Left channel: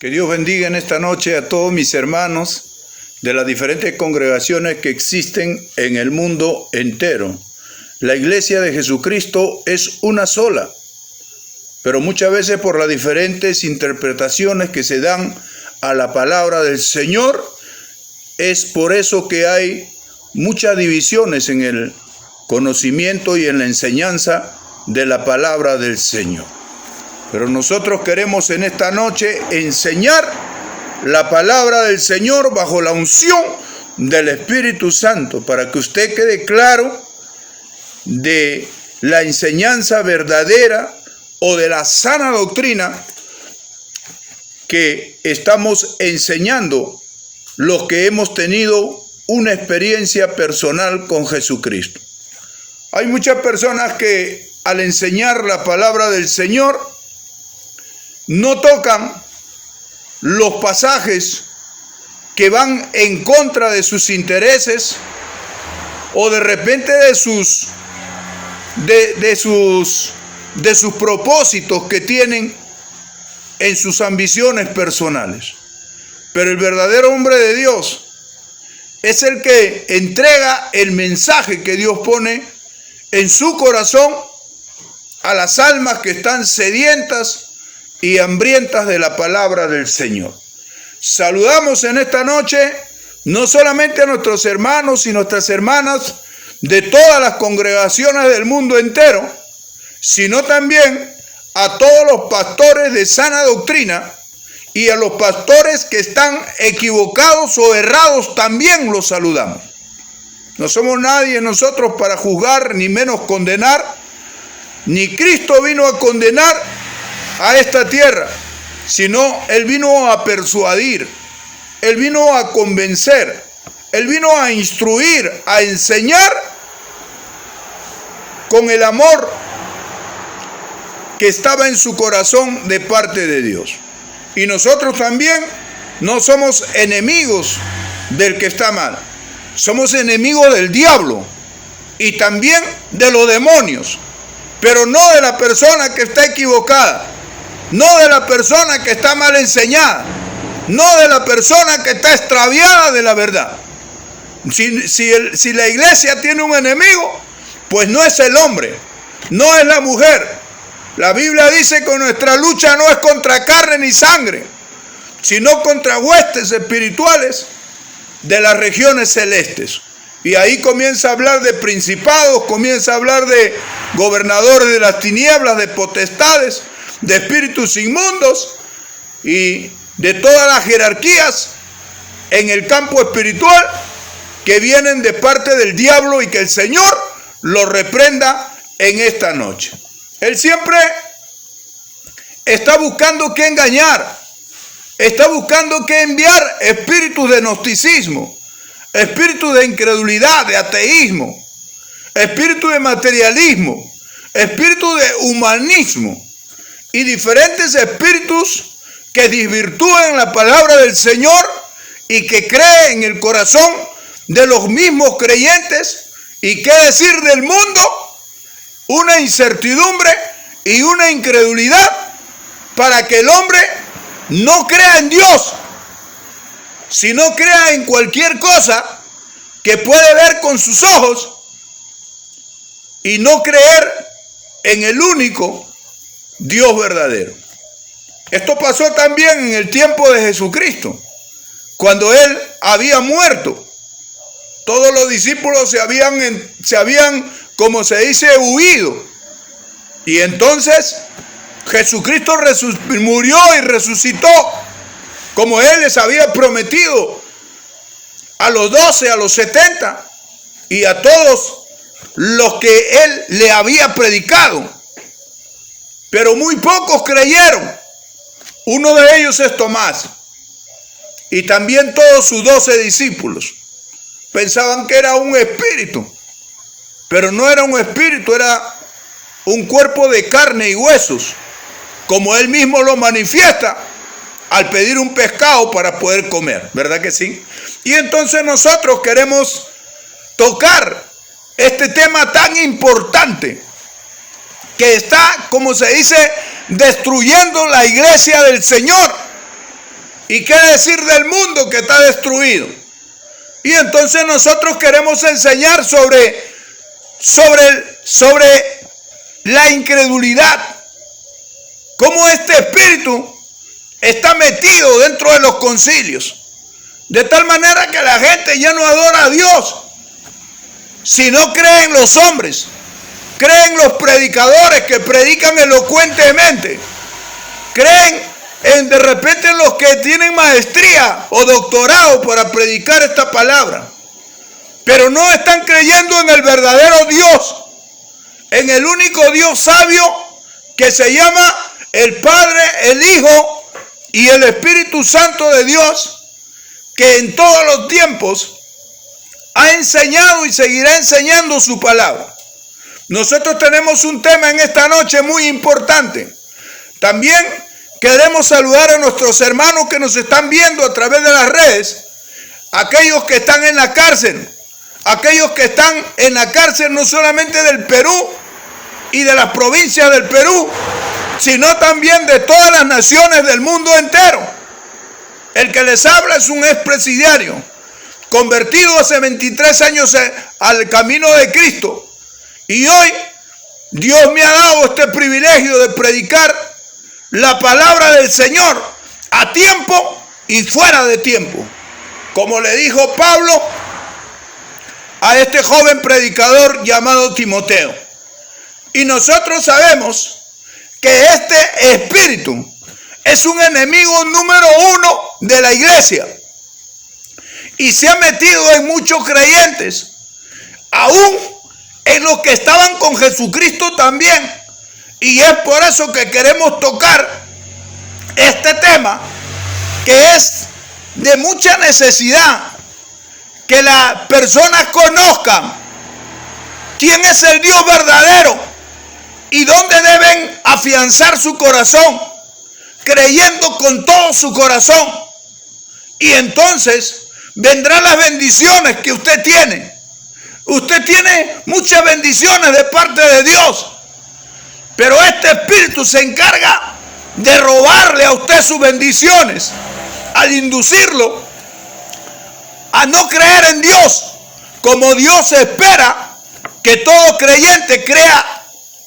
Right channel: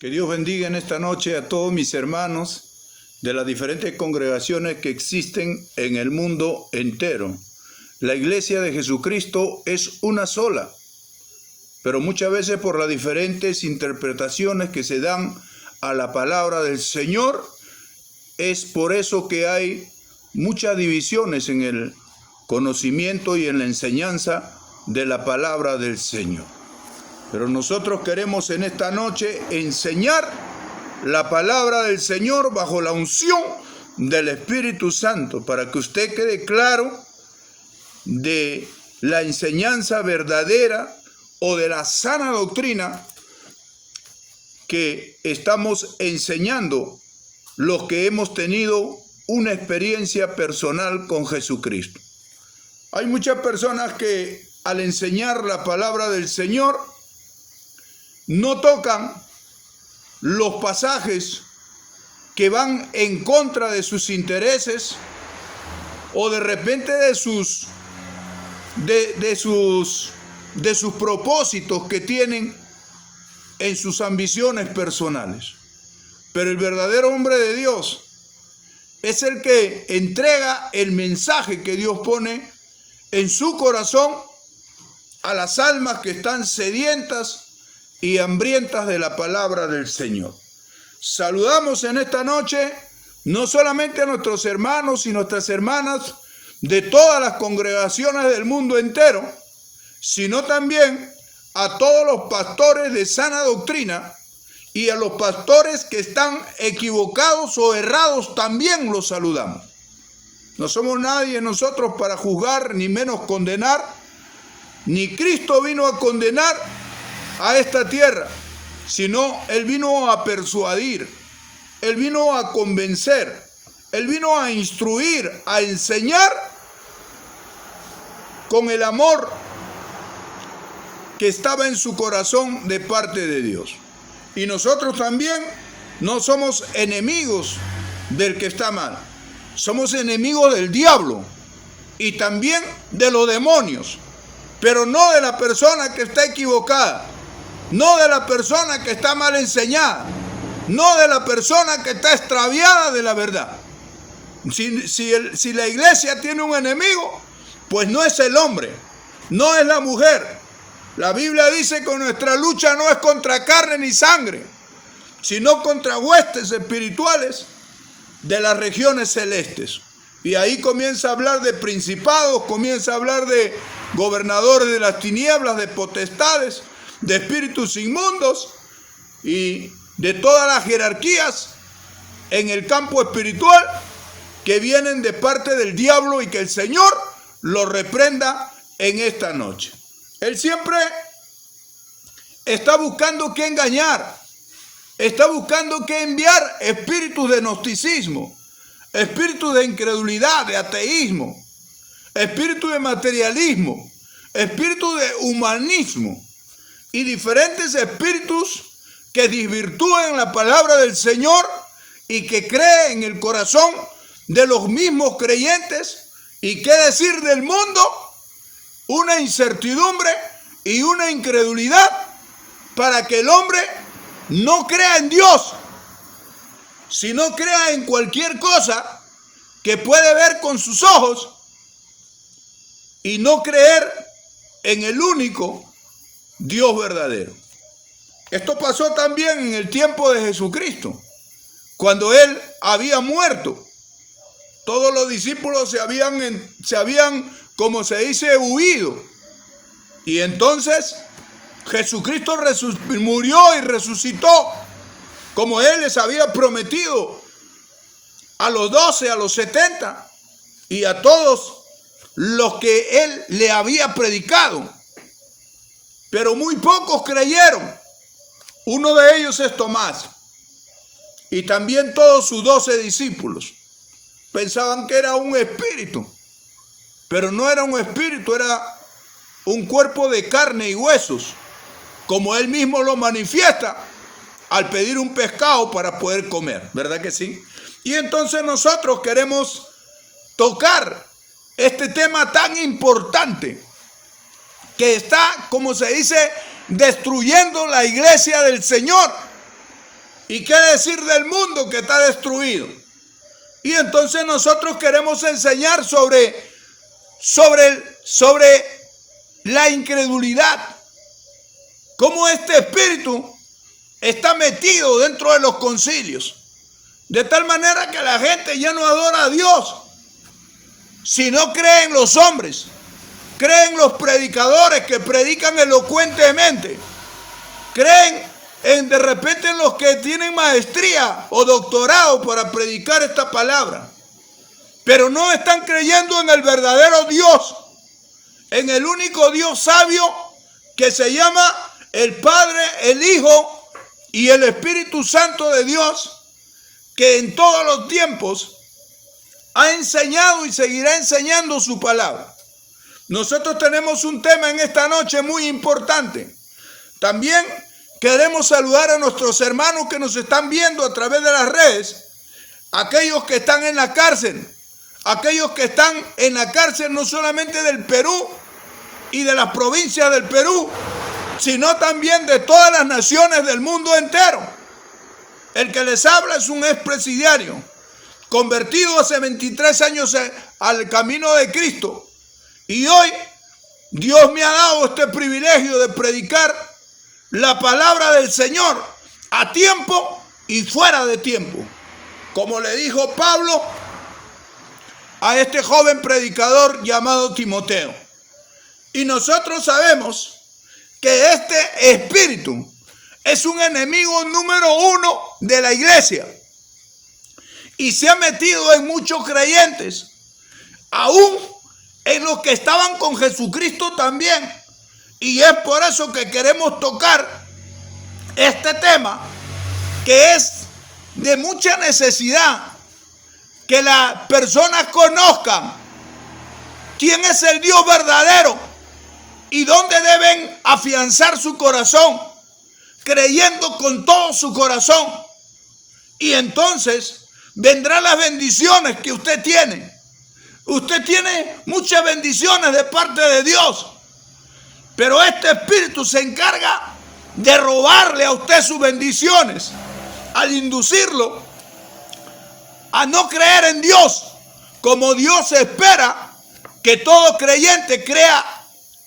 Que Dios bendiga en esta noche a todos mis hermanos de las diferentes congregaciones que existen en el mundo entero. La iglesia de Jesucristo es una sola, pero muchas veces por las diferentes interpretaciones que se dan a la palabra del Señor, es por eso que hay muchas divisiones en el conocimiento y en la enseñanza de la palabra del Señor. Pero nosotros queremos en esta noche enseñar la palabra del Señor bajo la unción del Espíritu Santo, para que usted quede claro de la enseñanza verdadera o de la sana doctrina que estamos enseñando los que hemos tenido una experiencia personal con Jesucristo. Hay muchas personas que al enseñar la palabra del Señor no tocan los pasajes que van en contra de sus intereses o de repente de sus propósitos que tienen en sus ambiciones personales. Pero el verdadero hombre de Dios es el que entrega el mensaje que Dios pone en su corazón a las almas que están sedientas y hambrientas de la palabra del Señor. Saludamos en esta noche no solamente a nuestros hermanos y nuestras hermanas de todas las congregaciones del mundo entero, sino también a todos los pastores de sana doctrina y a los pastores que están equivocados o errados, también los saludamos. No somos nadie nosotros para juzgar ni menos condenar, ni Cristo vino a condenar a esta tierra, sino Él vino a persuadir, Él vino a convencer, Él vino a instruir, a enseñar con el amor que estaba en su corazón de parte de Dios. Y nosotros también no somos enemigos del que está mal, somos enemigos del diablo y también de los demonios, pero no de la persona que está equivocada, no de la persona que está mal enseñada, no de la persona que está extraviada de la verdad. Si la iglesia tiene un enemigo, pues no es el hombre, no es la mujer. La Biblia dice que nuestra lucha no es contra carne ni sangre, sino contra huestes espirituales de las regiones celestes. Y ahí comienza a hablar de principados, comienza a hablar de gobernadores de las tinieblas, de potestades, de espíritus inmundos y de todas las jerarquías en el campo espiritual que vienen de parte del diablo, y que el Señor lo reprenda en esta noche. Él siempre está buscando que engañar, está buscando que enviar espíritus de gnosticismo, espíritus de incredulidad, de ateísmo, espíritu de materialismo, espíritu de humanismo y diferentes espíritus que desvirtúen la palabra del Señor y que creen en el corazón de los mismos creyentes. Y qué decir del mundo, una incertidumbre y una incredulidad para que el hombre no crea en Dios, sino crea en cualquier cosa que puede ver con sus ojos y no creer en el único Dios verdadero. Esto pasó también en el tiempo de Jesucristo, cuando Él había muerto. Todos los discípulos se habían, como se dice, huido. Y entonces Jesucristo murió y resucitó, como Él les había prometido a los 12, a los 70 y a todos los que Él le había predicado. Pero muy pocos creyeron. Uno de ellos es Tomás. Y también todos sus 12 discípulos. Pensaban que era un espíritu. Pero no era un espíritu, era un cuerpo de carne y huesos. Como Él mismo lo manifiesta al pedir un pescado para poder comer. ¿Verdad que sí? Y entonces nosotros queremos tocar este tema tan importante que está, como se dice, destruyendo la iglesia del Señor. ¿Y qué decir del mundo que está destruido? Y entonces nosotros queremos enseñar sobre la incredulidad. Cómo este espíritu está metido dentro de los concilios. De tal manera que la gente ya no adora a Dios, sino cree en los hombres. Creen los predicadores que predican elocuentemente. Creen de repente en los que tienen maestría o doctorado para predicar esta palabra. Pero no están creyendo en el verdadero Dios, en el único Dios sabio que se llama el Padre, el Hijo y el Espíritu Santo de Dios, que en todos los tiempos ha enseñado y seguirá enseñando su palabra. Nosotros tenemos un tema en esta noche muy importante. También queremos saludar a nuestros hermanos que nos están viendo a través de las redes, aquellos que están en la cárcel, aquellos que están en la cárcel no solamente del Perú y de las provincias del Perú, sino también de todas las naciones del mundo entero. El que les habla es un expresidiario, convertido hace 23 años al camino de Cristo. Y hoy Dios me ha dado este privilegio de predicar la palabra del Señor a tiempo y fuera de tiempo. Como le dijo Pablo a este joven predicador llamado Timoteo. Y nosotros sabemos que este espíritu es un enemigo número 1 de la iglesia. Y se ha metido en muchos creyentes, aún en los que estaban con Jesucristo también. Y es por eso que queremos tocar este tema, que es de mucha necesidad que las personas conozcan quién es el Dios verdadero y dónde deben afianzar su corazón, creyendo con todo su corazón. Y entonces vendrán las bendiciones que usted tiene. Usted tiene muchas bendiciones de parte de Dios, pero este espíritu se encarga de robarle a usted sus bendiciones, al inducirlo a no creer en Dios, como Dios espera que todo creyente crea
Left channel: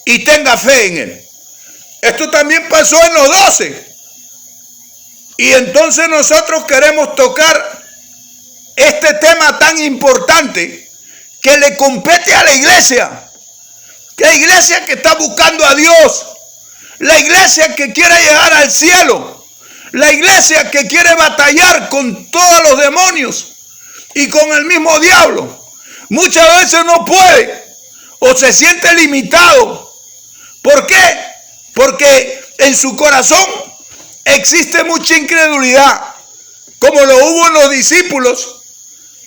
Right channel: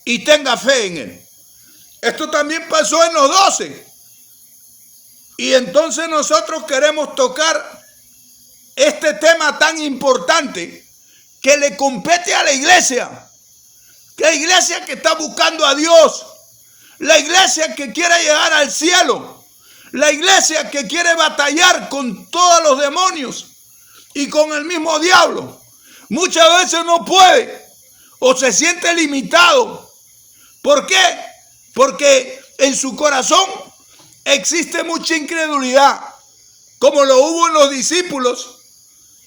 y tenga fe en Él. Esto también pasó en los 12. Y entonces nosotros queremos tocar este tema tan importante que le compete a la iglesia. La iglesia que está buscando a Dios. La iglesia que quiere llegar al cielo. La iglesia que quiere batallar con todos los demonios y con el mismo diablo. Muchas veces no puede o se siente limitado. ¿Por qué? Porque en su corazón existe mucha incredulidad, como lo hubo en los discípulos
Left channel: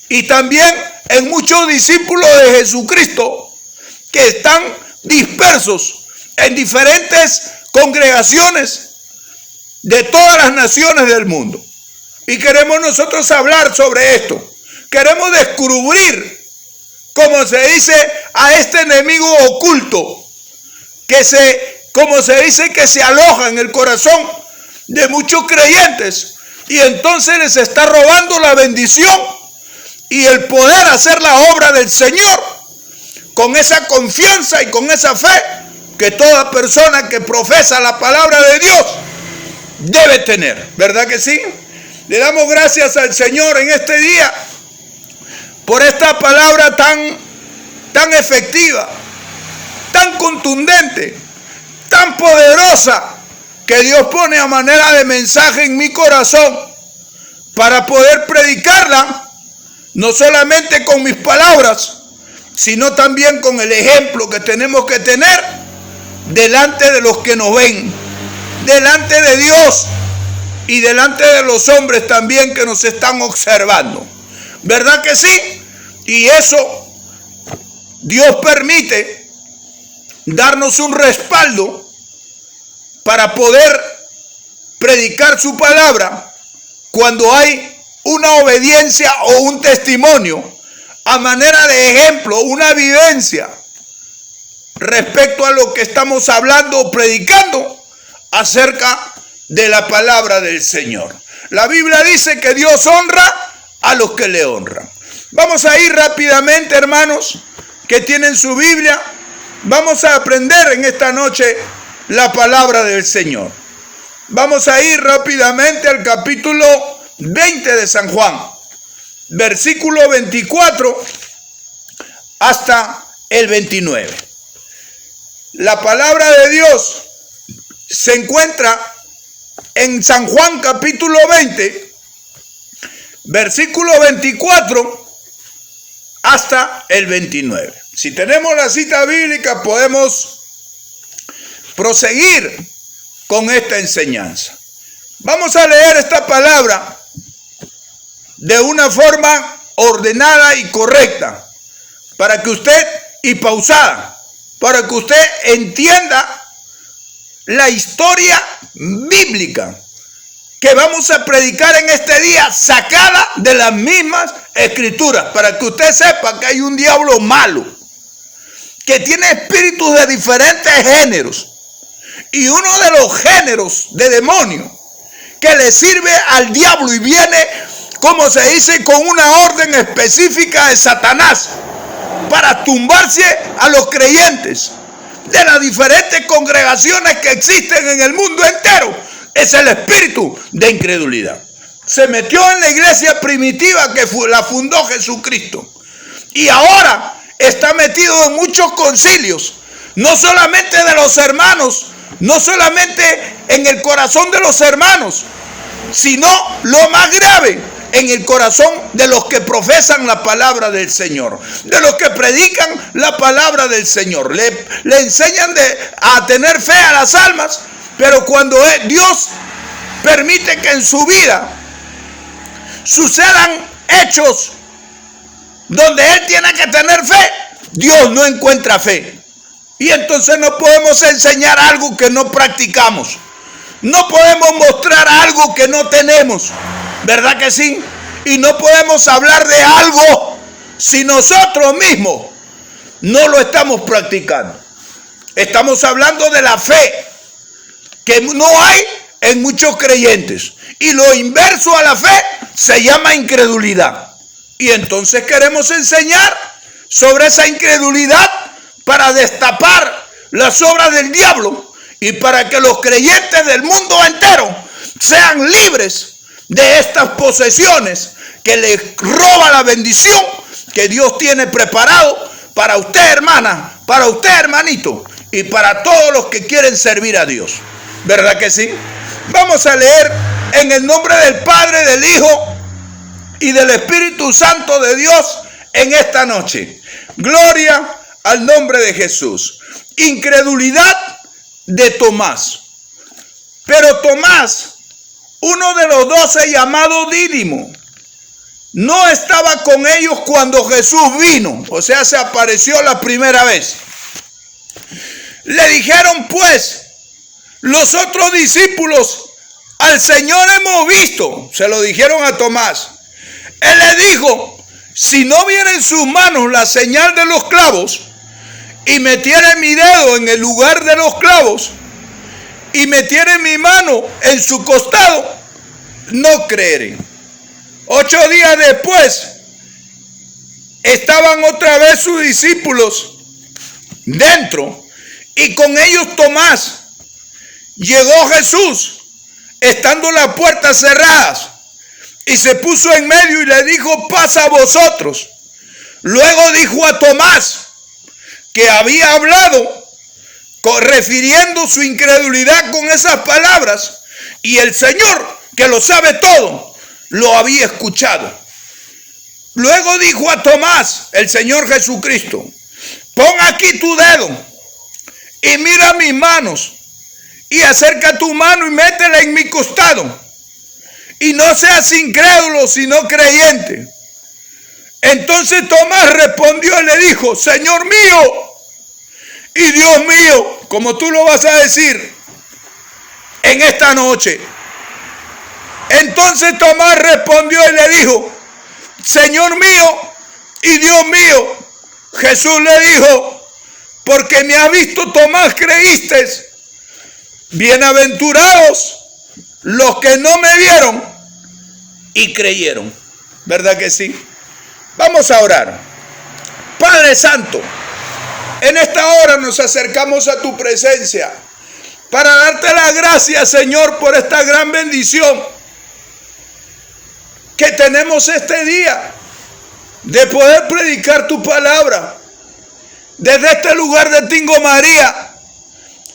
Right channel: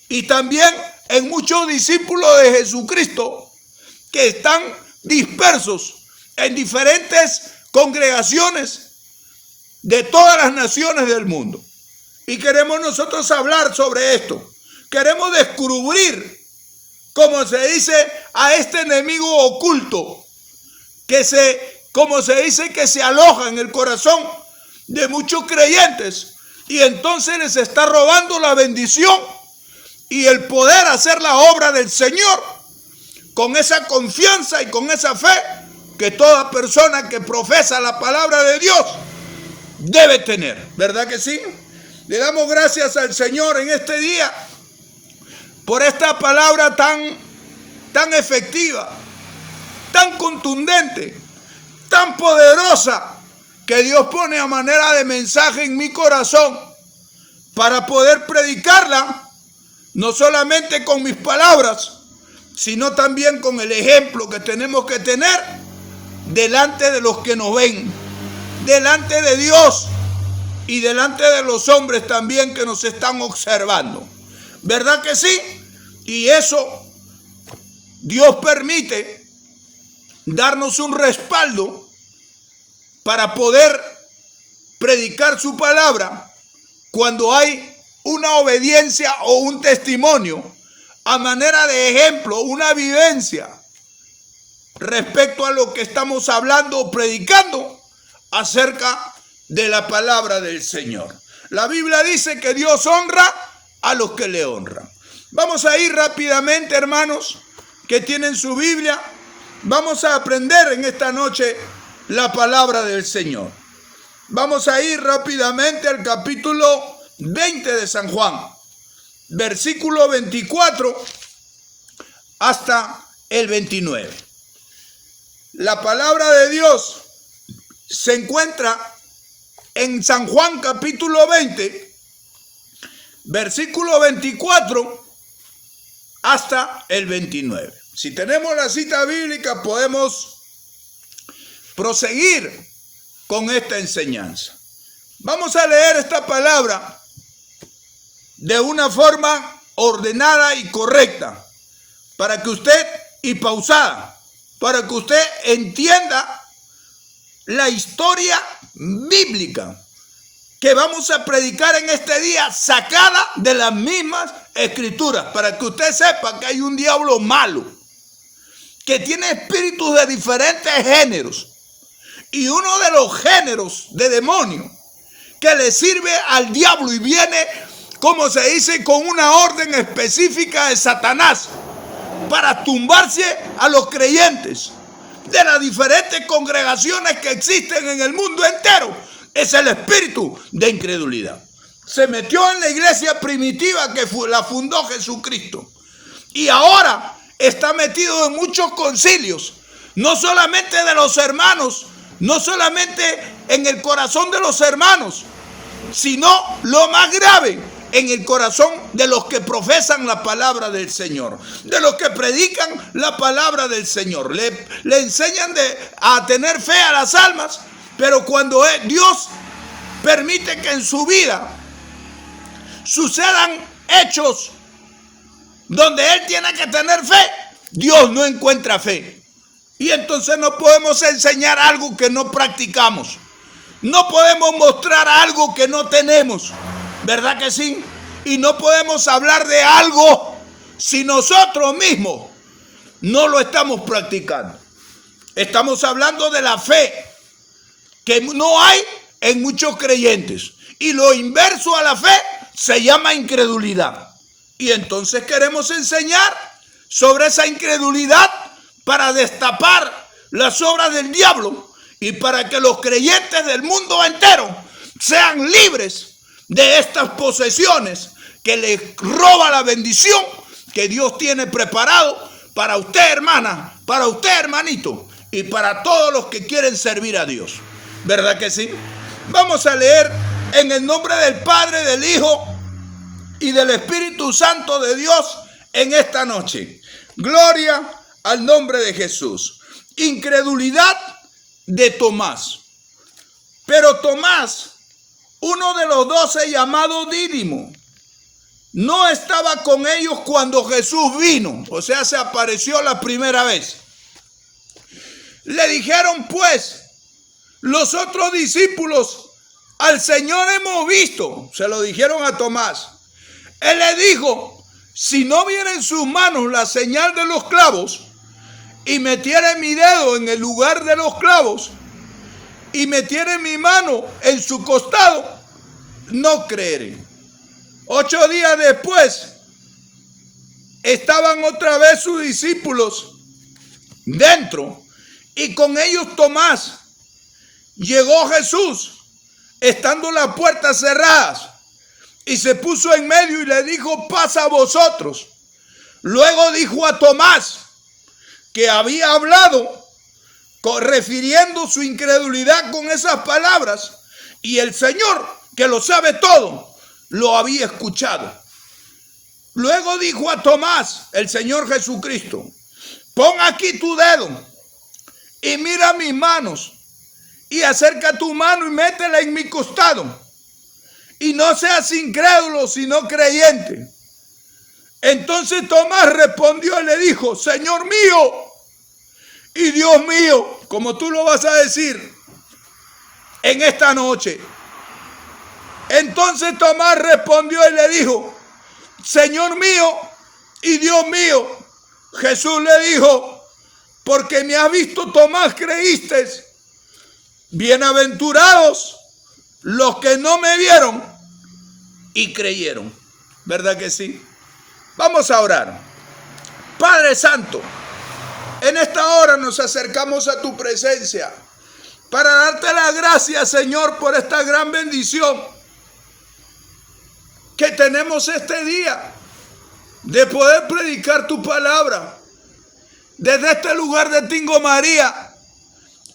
y también en muchos discípulos de Jesucristo que están dispersos en diferentes congregaciones de todas las naciones del mundo. Y queremos nosotros hablar sobre esto. Queremos descubrir, como se dice, a este enemigo oculto como se dice, que se aloja en el corazón de muchos creyentes y entonces les está robando la bendición y el poder hacer la obra del Señor con esa confianza y con esa fe que toda persona que profesa la palabra de Dios debe tener. ¿Verdad que sí? Le damos gracias al Señor en este día por esta palabra tan efectiva, tan contundente, tan poderosa, que Dios pone a manera de mensaje en mi corazón para poder predicarla, no solamente con mis palabras, sino también con el ejemplo que tenemos que tener delante de los que nos ven, delante de Dios y delante de los hombres también que nos están observando. ¿Verdad que sí? Y eso Dios permite darnos un respaldo para poder predicar su palabra cuando hay una obediencia o un testimonio a manera de ejemplo, una vivencia respecto a lo que estamos hablando o predicando acerca de la palabra del Señor. La Biblia dice que Dios honra a los que le honran. Vamos a ir rápidamente, hermanos, que tienen su Biblia. Vamos a aprender en esta noche la palabra del Señor. Vamos a ir rápidamente al capítulo 20 de San Juan, versículo 24 hasta el 29. La palabra de Dios se encuentra en San Juan capítulo 20, versículo 24 hasta el 29. Si tenemos la cita bíblica, podemos proseguir con esta enseñanza. Vamos a leer esta palabra de una forma ordenada y correcta, para que usted, y pausada, para que usted entienda la historia bíblica que vamos a predicar en este día, sacada de las mismas escrituras, para que usted sepa que hay un diablo malo, que tiene espíritus de diferentes géneros, y uno de los géneros de demonio que le sirve al diablo y viene, como se dice, con una orden específica de Satanás para tumbarse a los creyentes de las diferentes congregaciones que existen en el mundo entero, es el espíritu de incredulidad. Se metió en la iglesia primitiva que la fundó Jesucristo, y ahora está metido en muchos concilios, no solamente de los hermanos, no solamente en el corazón de los hermanos, sino lo más grave, en el corazón de los que profesan la palabra del Señor, de los que predican la palabra del Señor. Le enseñan a tener fe a las almas, pero cuando Dios permite que en su vida sucedan hechos donde Él tiene que tener fe, Dios no encuentra fe. Y entonces no podemos enseñar algo que no practicamos. No podemos mostrar algo que no tenemos. ¿Verdad que sí? Y no podemos hablar de algo si nosotros mismos no lo estamos practicando. Estamos hablando de la fe que no hay en muchos creyentes. Y lo inverso a la fe se llama incredulidad. Y entonces queremos enseñar sobre esa incredulidad para destapar las obras del diablo y para que los creyentes del mundo entero sean libres de estas posesiones que les roba la bendición que Dios tiene preparado para usted, hermana, para usted, hermanito, y para todos los que quieren servir a Dios. ¿Verdad que sí? Vamos a leer en el nombre del Padre, del Hijo y del Espíritu Santo de Dios en esta noche. Gloria al nombre de Jesús. Incredulidad de Tomás. Pero Tomás, uno de los 12 llamado Dídimo, no estaba con ellos cuando Jesús vino, o sea, se apareció la primera vez. Le dijeron pues los otros discípulos: al Señor hemos visto. Se lo dijeron a Tomás. Él le dijo: si no viera en sus manos la señal de los clavos, y metiera mi dedo en el lugar de los clavos, y metiera mi mano en su costado, no creeré. 8 días después, estaban otra vez sus discípulos dentro, y con ellos Tomás. Llegó Jesús, estando las puertas cerradas, y se puso en medio y le dijo: pasa a vosotros. Luego dijo a Tomás, que había hablado refiriendo su incredulidad con esas palabras, y el Señor, que lo sabe todo, lo había escuchado. Luego dijo a Tomás, el Señor Jesucristo: pon aquí tu dedo y mira mis manos, y acerca tu mano y métela en mi costado, y no seas incrédulo sino creyente. Entonces Tomás respondió y le dijo: Señor mío y Dios mío, como tú lo vas a decir en esta noche. Entonces Tomás respondió y le dijo: Señor mío y Dios mío. Jesús le dijo: porque me has visto, Tomás, creíste. Bienaventurados los que no me vieron y creyeron. ¿Verdad que sí? Vamos a orar. Padre Santo, en esta hora nos acercamos a tu presencia para darte las gracias, Señor, por esta gran bendición que tenemos este día de poder predicar tu palabra desde este lugar de Tingo María,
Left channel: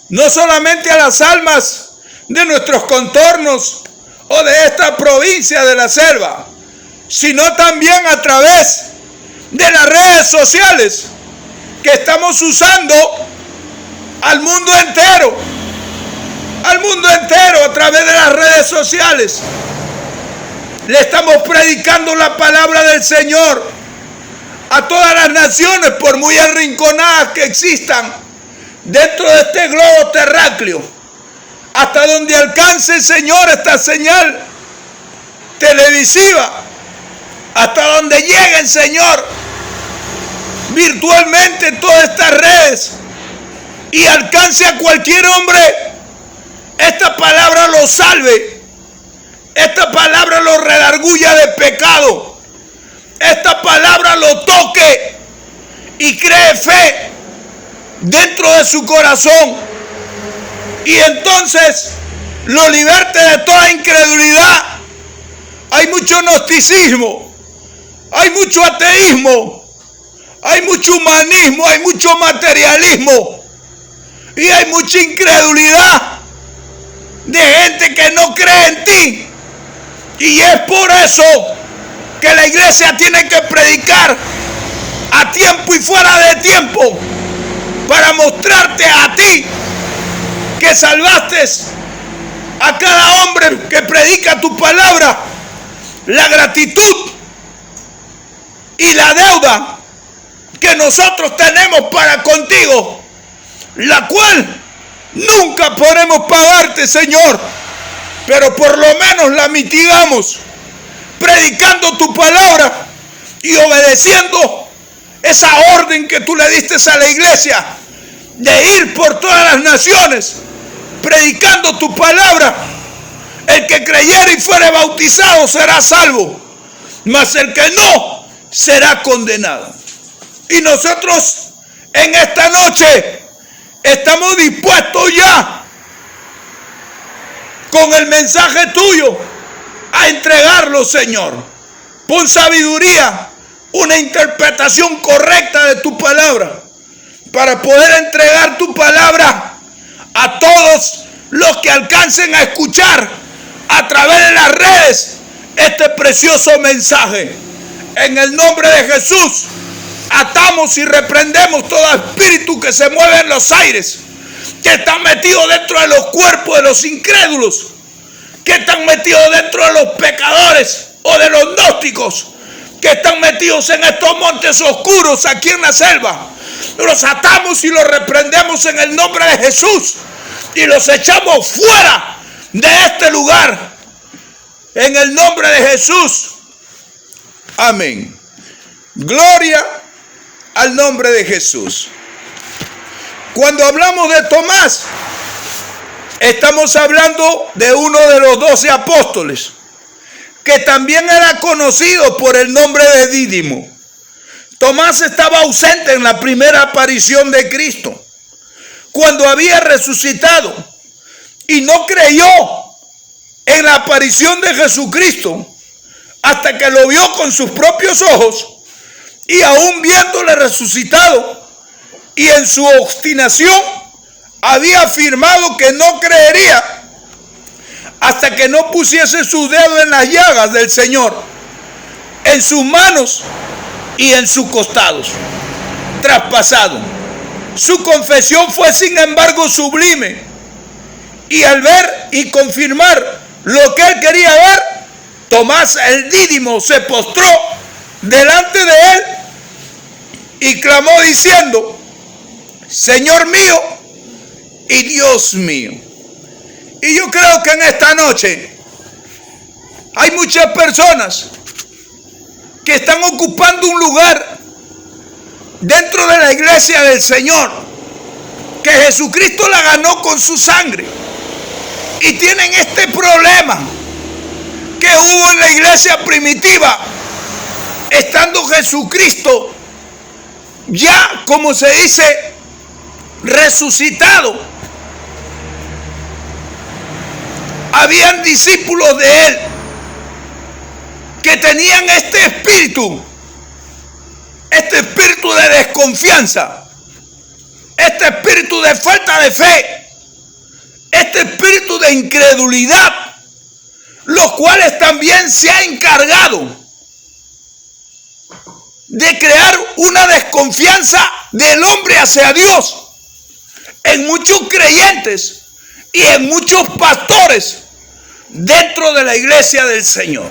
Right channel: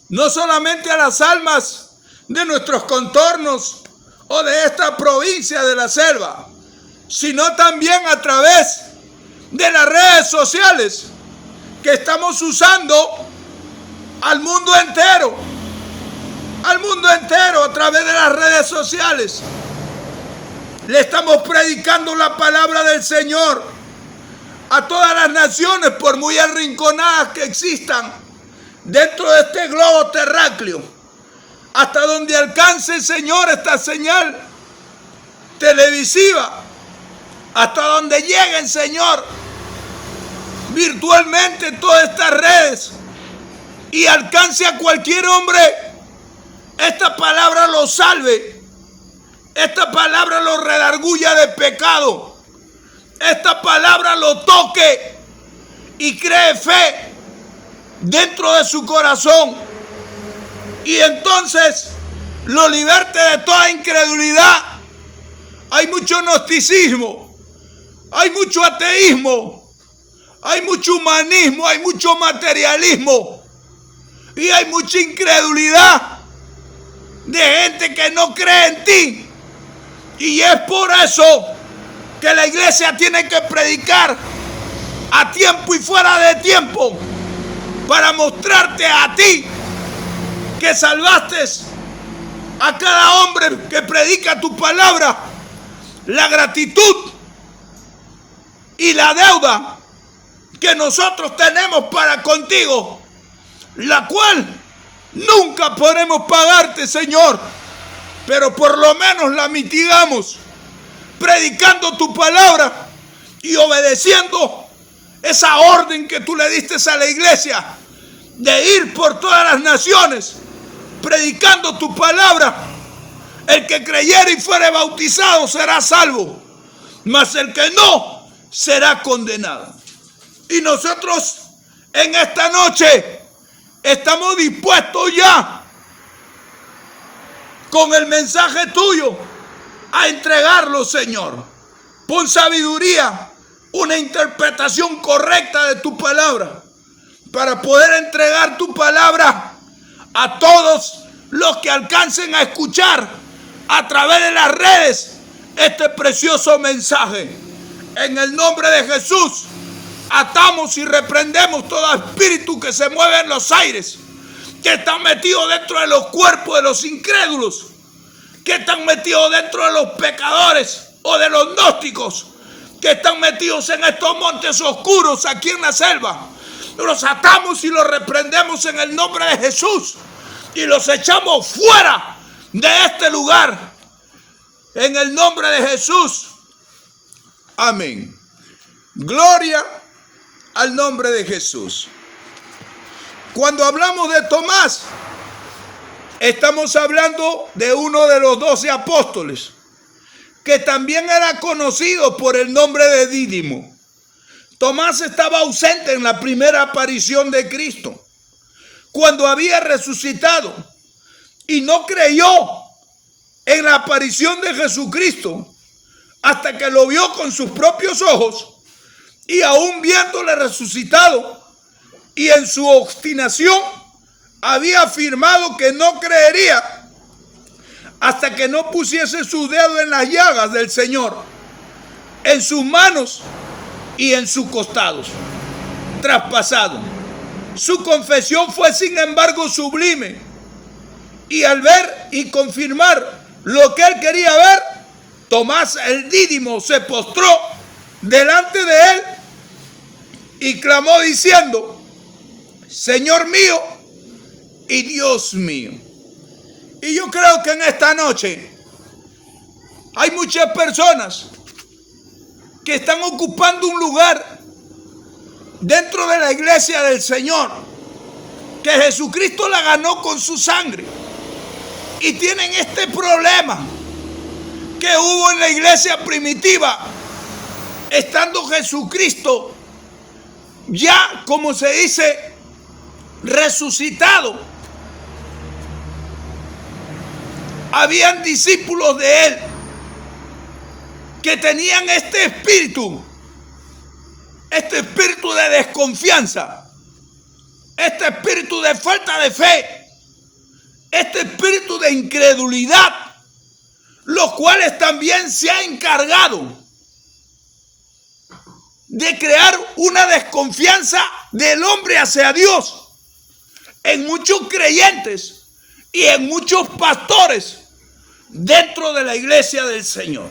no solamente a las almas de nuestros contornos o de esta provincia de la selva, sino también a través de las redes sociales que estamos usando al mundo entero a través de las redes sociales. Le estamos predicando la palabra del Señor a todas las naciones, por muy arrinconadas que existan dentro de este globo terráqueo, hasta donde alcance, Señor, esta señal televisiva, hasta donde lleguen, Señor, virtualmente todas estas redes y alcance a cualquier hombre, esta palabra lo salve. Esta palabra lo redarguya de pecado. Esta palabra lo toque y cree fe dentro de su corazón. Y entonces lo liberte de toda incredulidad. Hay mucho gnosticismo, hay mucho ateísmo, hay mucho humanismo, hay mucho materialismo y hay mucha incredulidad de gente que no cree en ti. Y es por eso que la iglesia tiene que predicar a tiempo y fuera de tiempo para mostrarte a ti que salvaste a cada hombre que predica tu palabra la gratitud y la deuda que nosotros tenemos para contigo, la cual nunca podremos pagarte, Señor, pero por lo menos la mitigamos predicando tu palabra y obedeciendo esa orden que tú le diste a la iglesia de ir por todas las naciones predicando tu palabra. El que creyere y fuere bautizado será salvo, mas el que no será condenado. Y nosotros en esta noche estamos dispuestos ya con el mensaje tuyo a entregarlo, Señor. Pon sabiduría, una interpretación correcta de tu palabra para poder entregar tu palabra a todos los que alcancen a escuchar a través de las redes este precioso mensaje. En el nombre de Jesús atamos y reprendemos todo espíritu que se mueve en los aires, que están metidos dentro de los cuerpos de los incrédulos, que están metidos dentro de los pecadores o de los gnósticos, que están metidos en estos montes oscuros aquí en la selva. Los atamos y los reprendemos en el nombre de Jesús y los echamos fuera de este lugar en el nombre de Jesús. Amén. Gloria al nombre de Jesús. Cuando hablamos de Tomás, estamos hablando de uno de los 12 apóstoles, que también era conocido por el nombre de Dídimo. Tomás estaba ausente en la primera aparición de Cristo, cuando había resucitado, y no creyó en la aparición de Jesucristo hasta que lo vio con sus propios ojos, y aún viéndole resucitado y en su obstinación había afirmado que no creería hasta que no pusiese su dedo en las llagas del Señor, en sus manos y en sus costados traspasados. Su confesión fue sin embargo sublime, y al ver y confirmar lo que él quería ver, Tomás el Dídimo se postró delante de él y clamó diciendo: Señor mío y Dios mío. Y yo creo que en esta noche hay muchas personas que están ocupando un lugar dentro de la iglesia del Señor, que Jesucristo la ganó con su sangre, y tienen este problema que hubo en la iglesia primitiva, estando Jesucristo ya, como se dice, resucitado, habían discípulos de él que tenían este espíritu de desconfianza, este espíritu de falta de fe, este espíritu de incredulidad, los cuales también se ha encargado de crear una desconfianza del hombre hacia Dios en muchos creyentes y en muchos pastores dentro de la iglesia del Señor.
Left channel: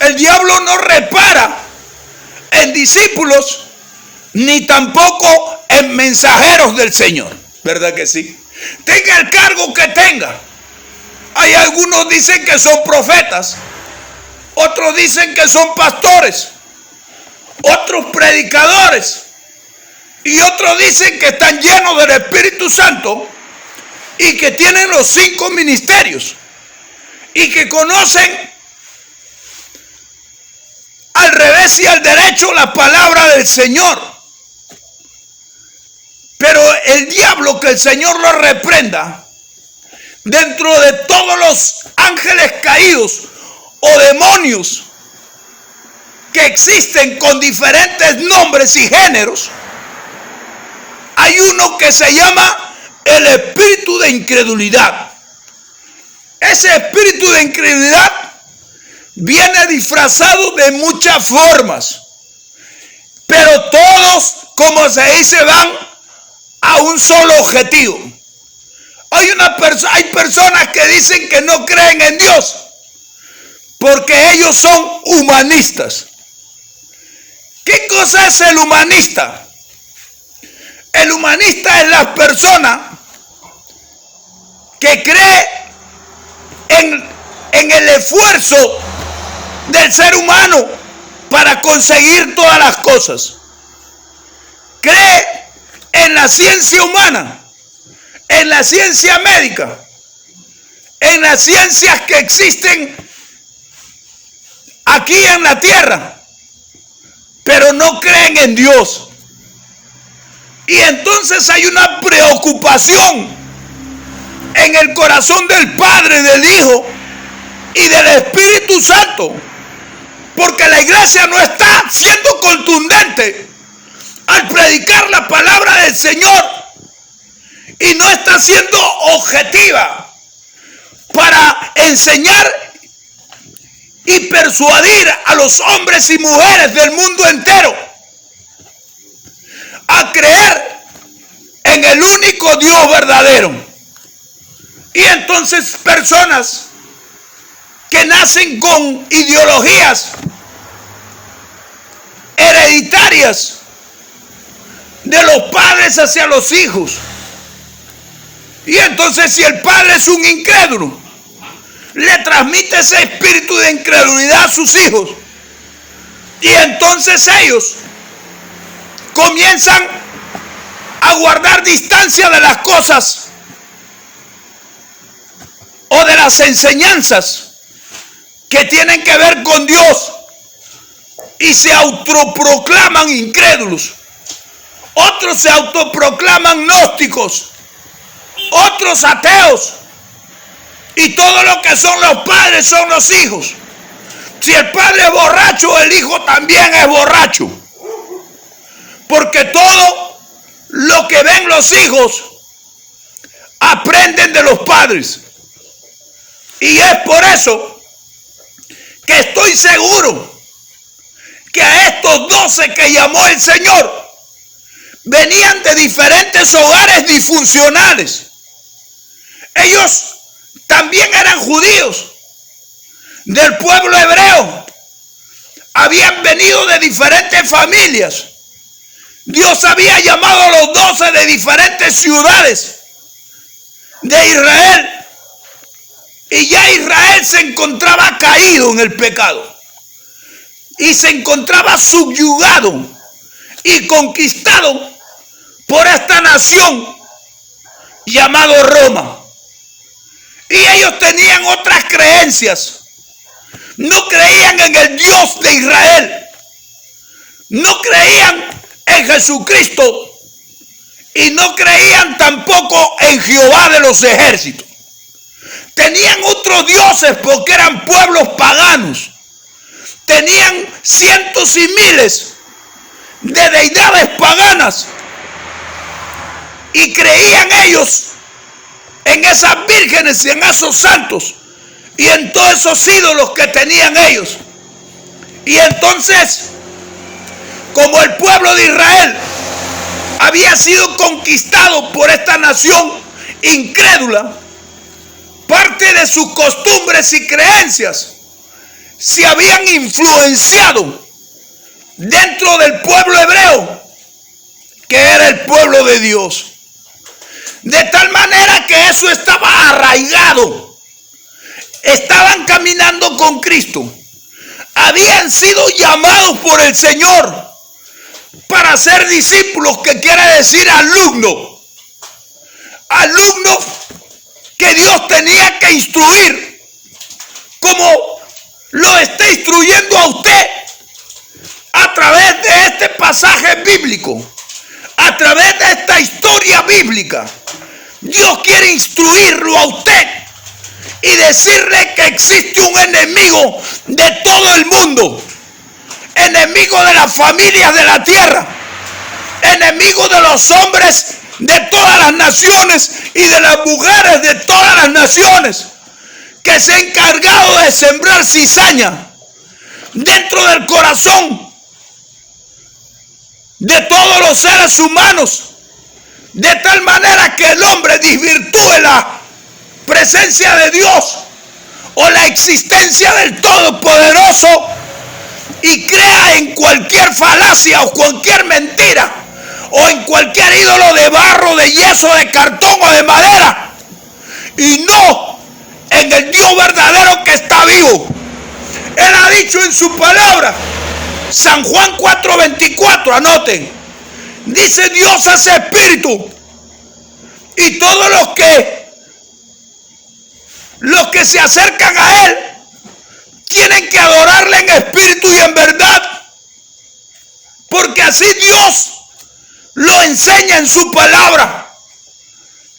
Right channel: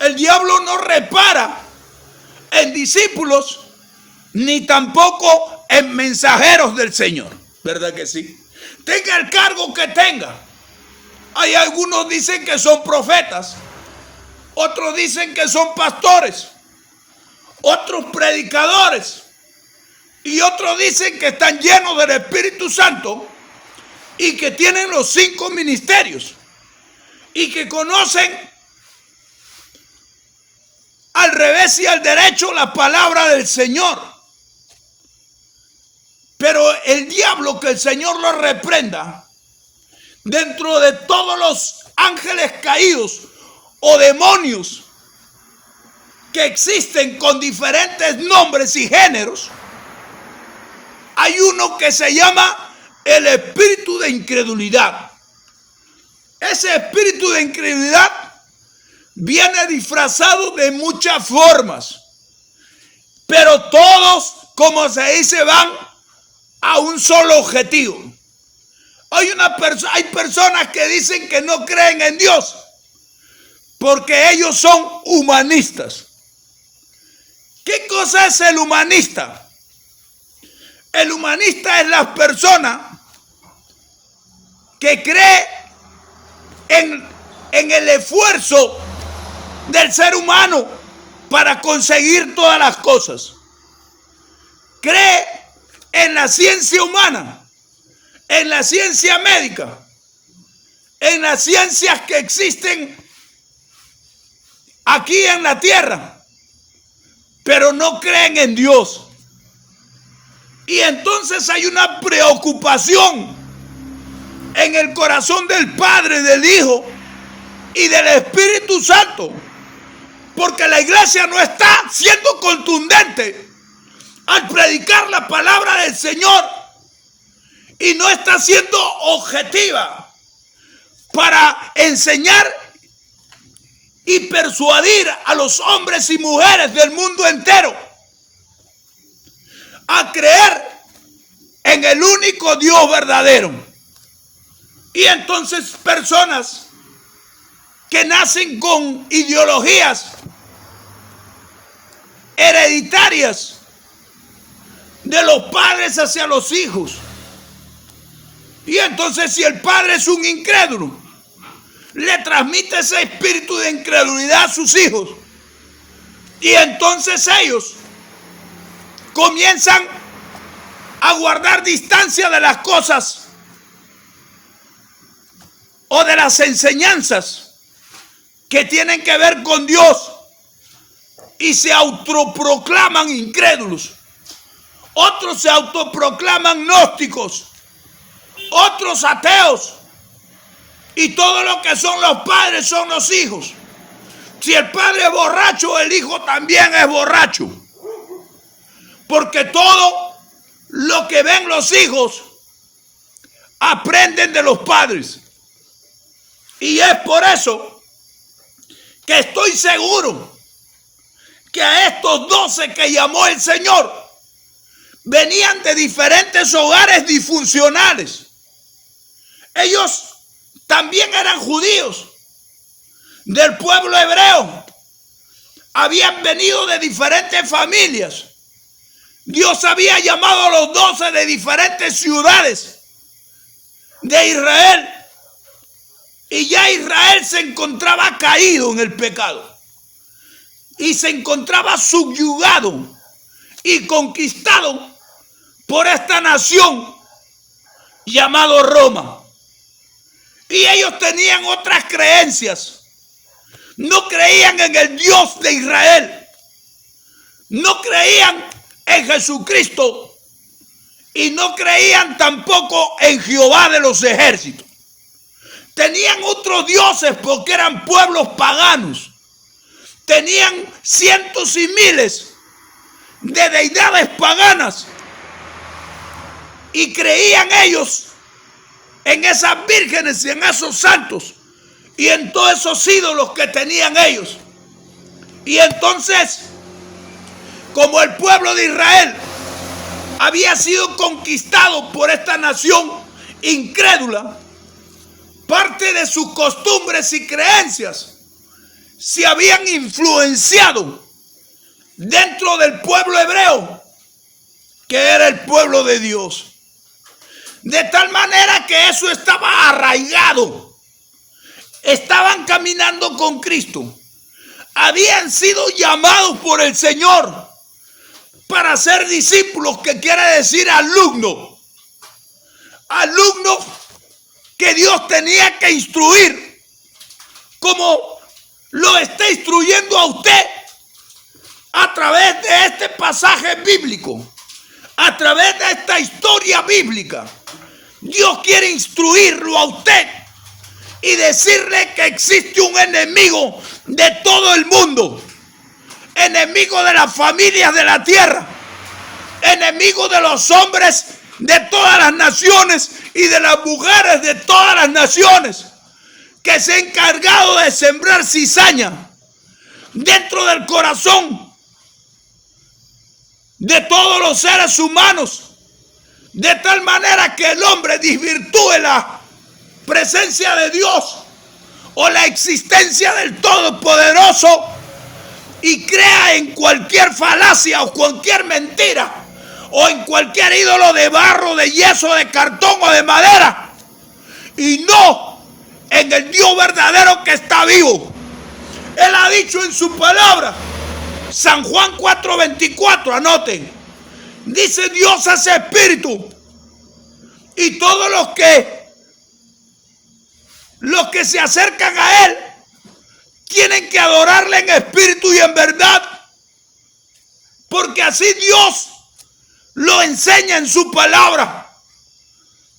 El diablo no repara en discípulos ni tampoco en mensajeros del Señor, ¿verdad que sí? Tenga el cargo que tenga. Hay algunos dicen que son profetas, otros dicen que son pastores, otros predicadores, y otros dicen que están llenos del Espíritu Santo y que tienen los 5 ministerios y que conocen al revés y al derecho la palabra del Señor. Pero el diablo, que el Señor lo reprenda, dentro de todos los ángeles caídos o demonios que existen con diferentes nombres y géneros, hay uno que se llama el espíritu de incredulidad. Ese espíritu de incredulidad viene disfrazado de muchas formas, pero todos, como se dice, van a un solo objetivo. Hay personas que dicen que no creen en Dios porque ellos son humanistas. ¿Qué cosa es el humanista? El humanista es la persona que cree en el esfuerzo del ser humano para conseguir todas las cosas. Cree en la ciencia humana, en la ciencia médica, en las ciencias que existen aquí en la tierra, pero no creen en Dios. Y entonces hay una preocupación en el corazón del Padre, del Hijo y del Espíritu Santo, porque la iglesia no está siendo contundente al predicar la palabra del Señor y no está siendo objetiva para enseñar y persuadir a los hombres y mujeres del mundo entero a creer en el único Dios verdadero. Y entonces personas que nacen con ideologías hereditarias de los padres hacia los hijos. Y entonces, si el padre es un incrédulo, le transmite ese espíritu de incredulidad a sus hijos. Y entonces ellos comienzan a guardar distancia de las cosas o de las enseñanzas que tienen que ver con Dios y se autoproclaman incrédulos. Otros se autoproclaman gnósticos, otros ateos, y todo lo que son los padres son los hijos. Si el padre es borracho, el hijo también es borracho, porque todo lo que ven los hijos aprenden de los padres. Y es por eso que estoy seguro que a estos 12 que llamó el Señor venían de diferentes hogares disfuncionales. Ellos también eran judíos del pueblo hebreo, habían venido de diferentes familias. Dios había llamado a los 12 de diferentes ciudades de Israel, y ya Israel se encontraba caído en el pecado y se encontraba subyugado y conquistado por esta nación llamado Roma. Y ellos tenían otras creencias, no creían en el Dios de Israel, no creían en Jesucristo y no creían tampoco en Jehová de los ejércitos. Tenían otros dioses porque eran pueblos paganos. Tenían cientos y miles de deidades paganas y creían ellos en esas vírgenes y en esos santos y en todos esos ídolos que tenían ellos. Y entonces, como el pueblo de Israel había sido conquistado por esta nación incrédula, parte de sus costumbres y creencias se habían influenciado dentro del pueblo hebreo, que era el pueblo de Dios. De tal manera que eso estaba arraigado. Estaban caminando con Cristo. Habían sido llamados por el Señor para ser discípulos, que quiere decir alumnos. Alumnos que Dios tenía que instruir, como lo está instruyendo a usted a través de este pasaje bíblico, a través de esta historia bíblica. Dios quiere instruirlo a usted y decirle que existe un enemigo de todo el mundo, enemigo de las familias de la tierra, enemigo de los hombres de todas las naciones y de las mujeres de todas las naciones, que se ha encargado de sembrar cizaña dentro del corazón de todos los seres humanos, de tal manera que el hombre desvirtúe la presencia de Dios o la existencia del Todopoderoso y crea en cualquier falacia o cualquier mentira o en cualquier ídolo de barro, de yeso, de cartón o de madera, y no en el Dios verdadero que está vivo. Él ha dicho en su palabra, San Juan 4:24, anoten, dice: Dios es espíritu y todos los que se acercan a Él tienen que adorarle en espíritu y en verdad, porque así Dios lo enseña en su palabra.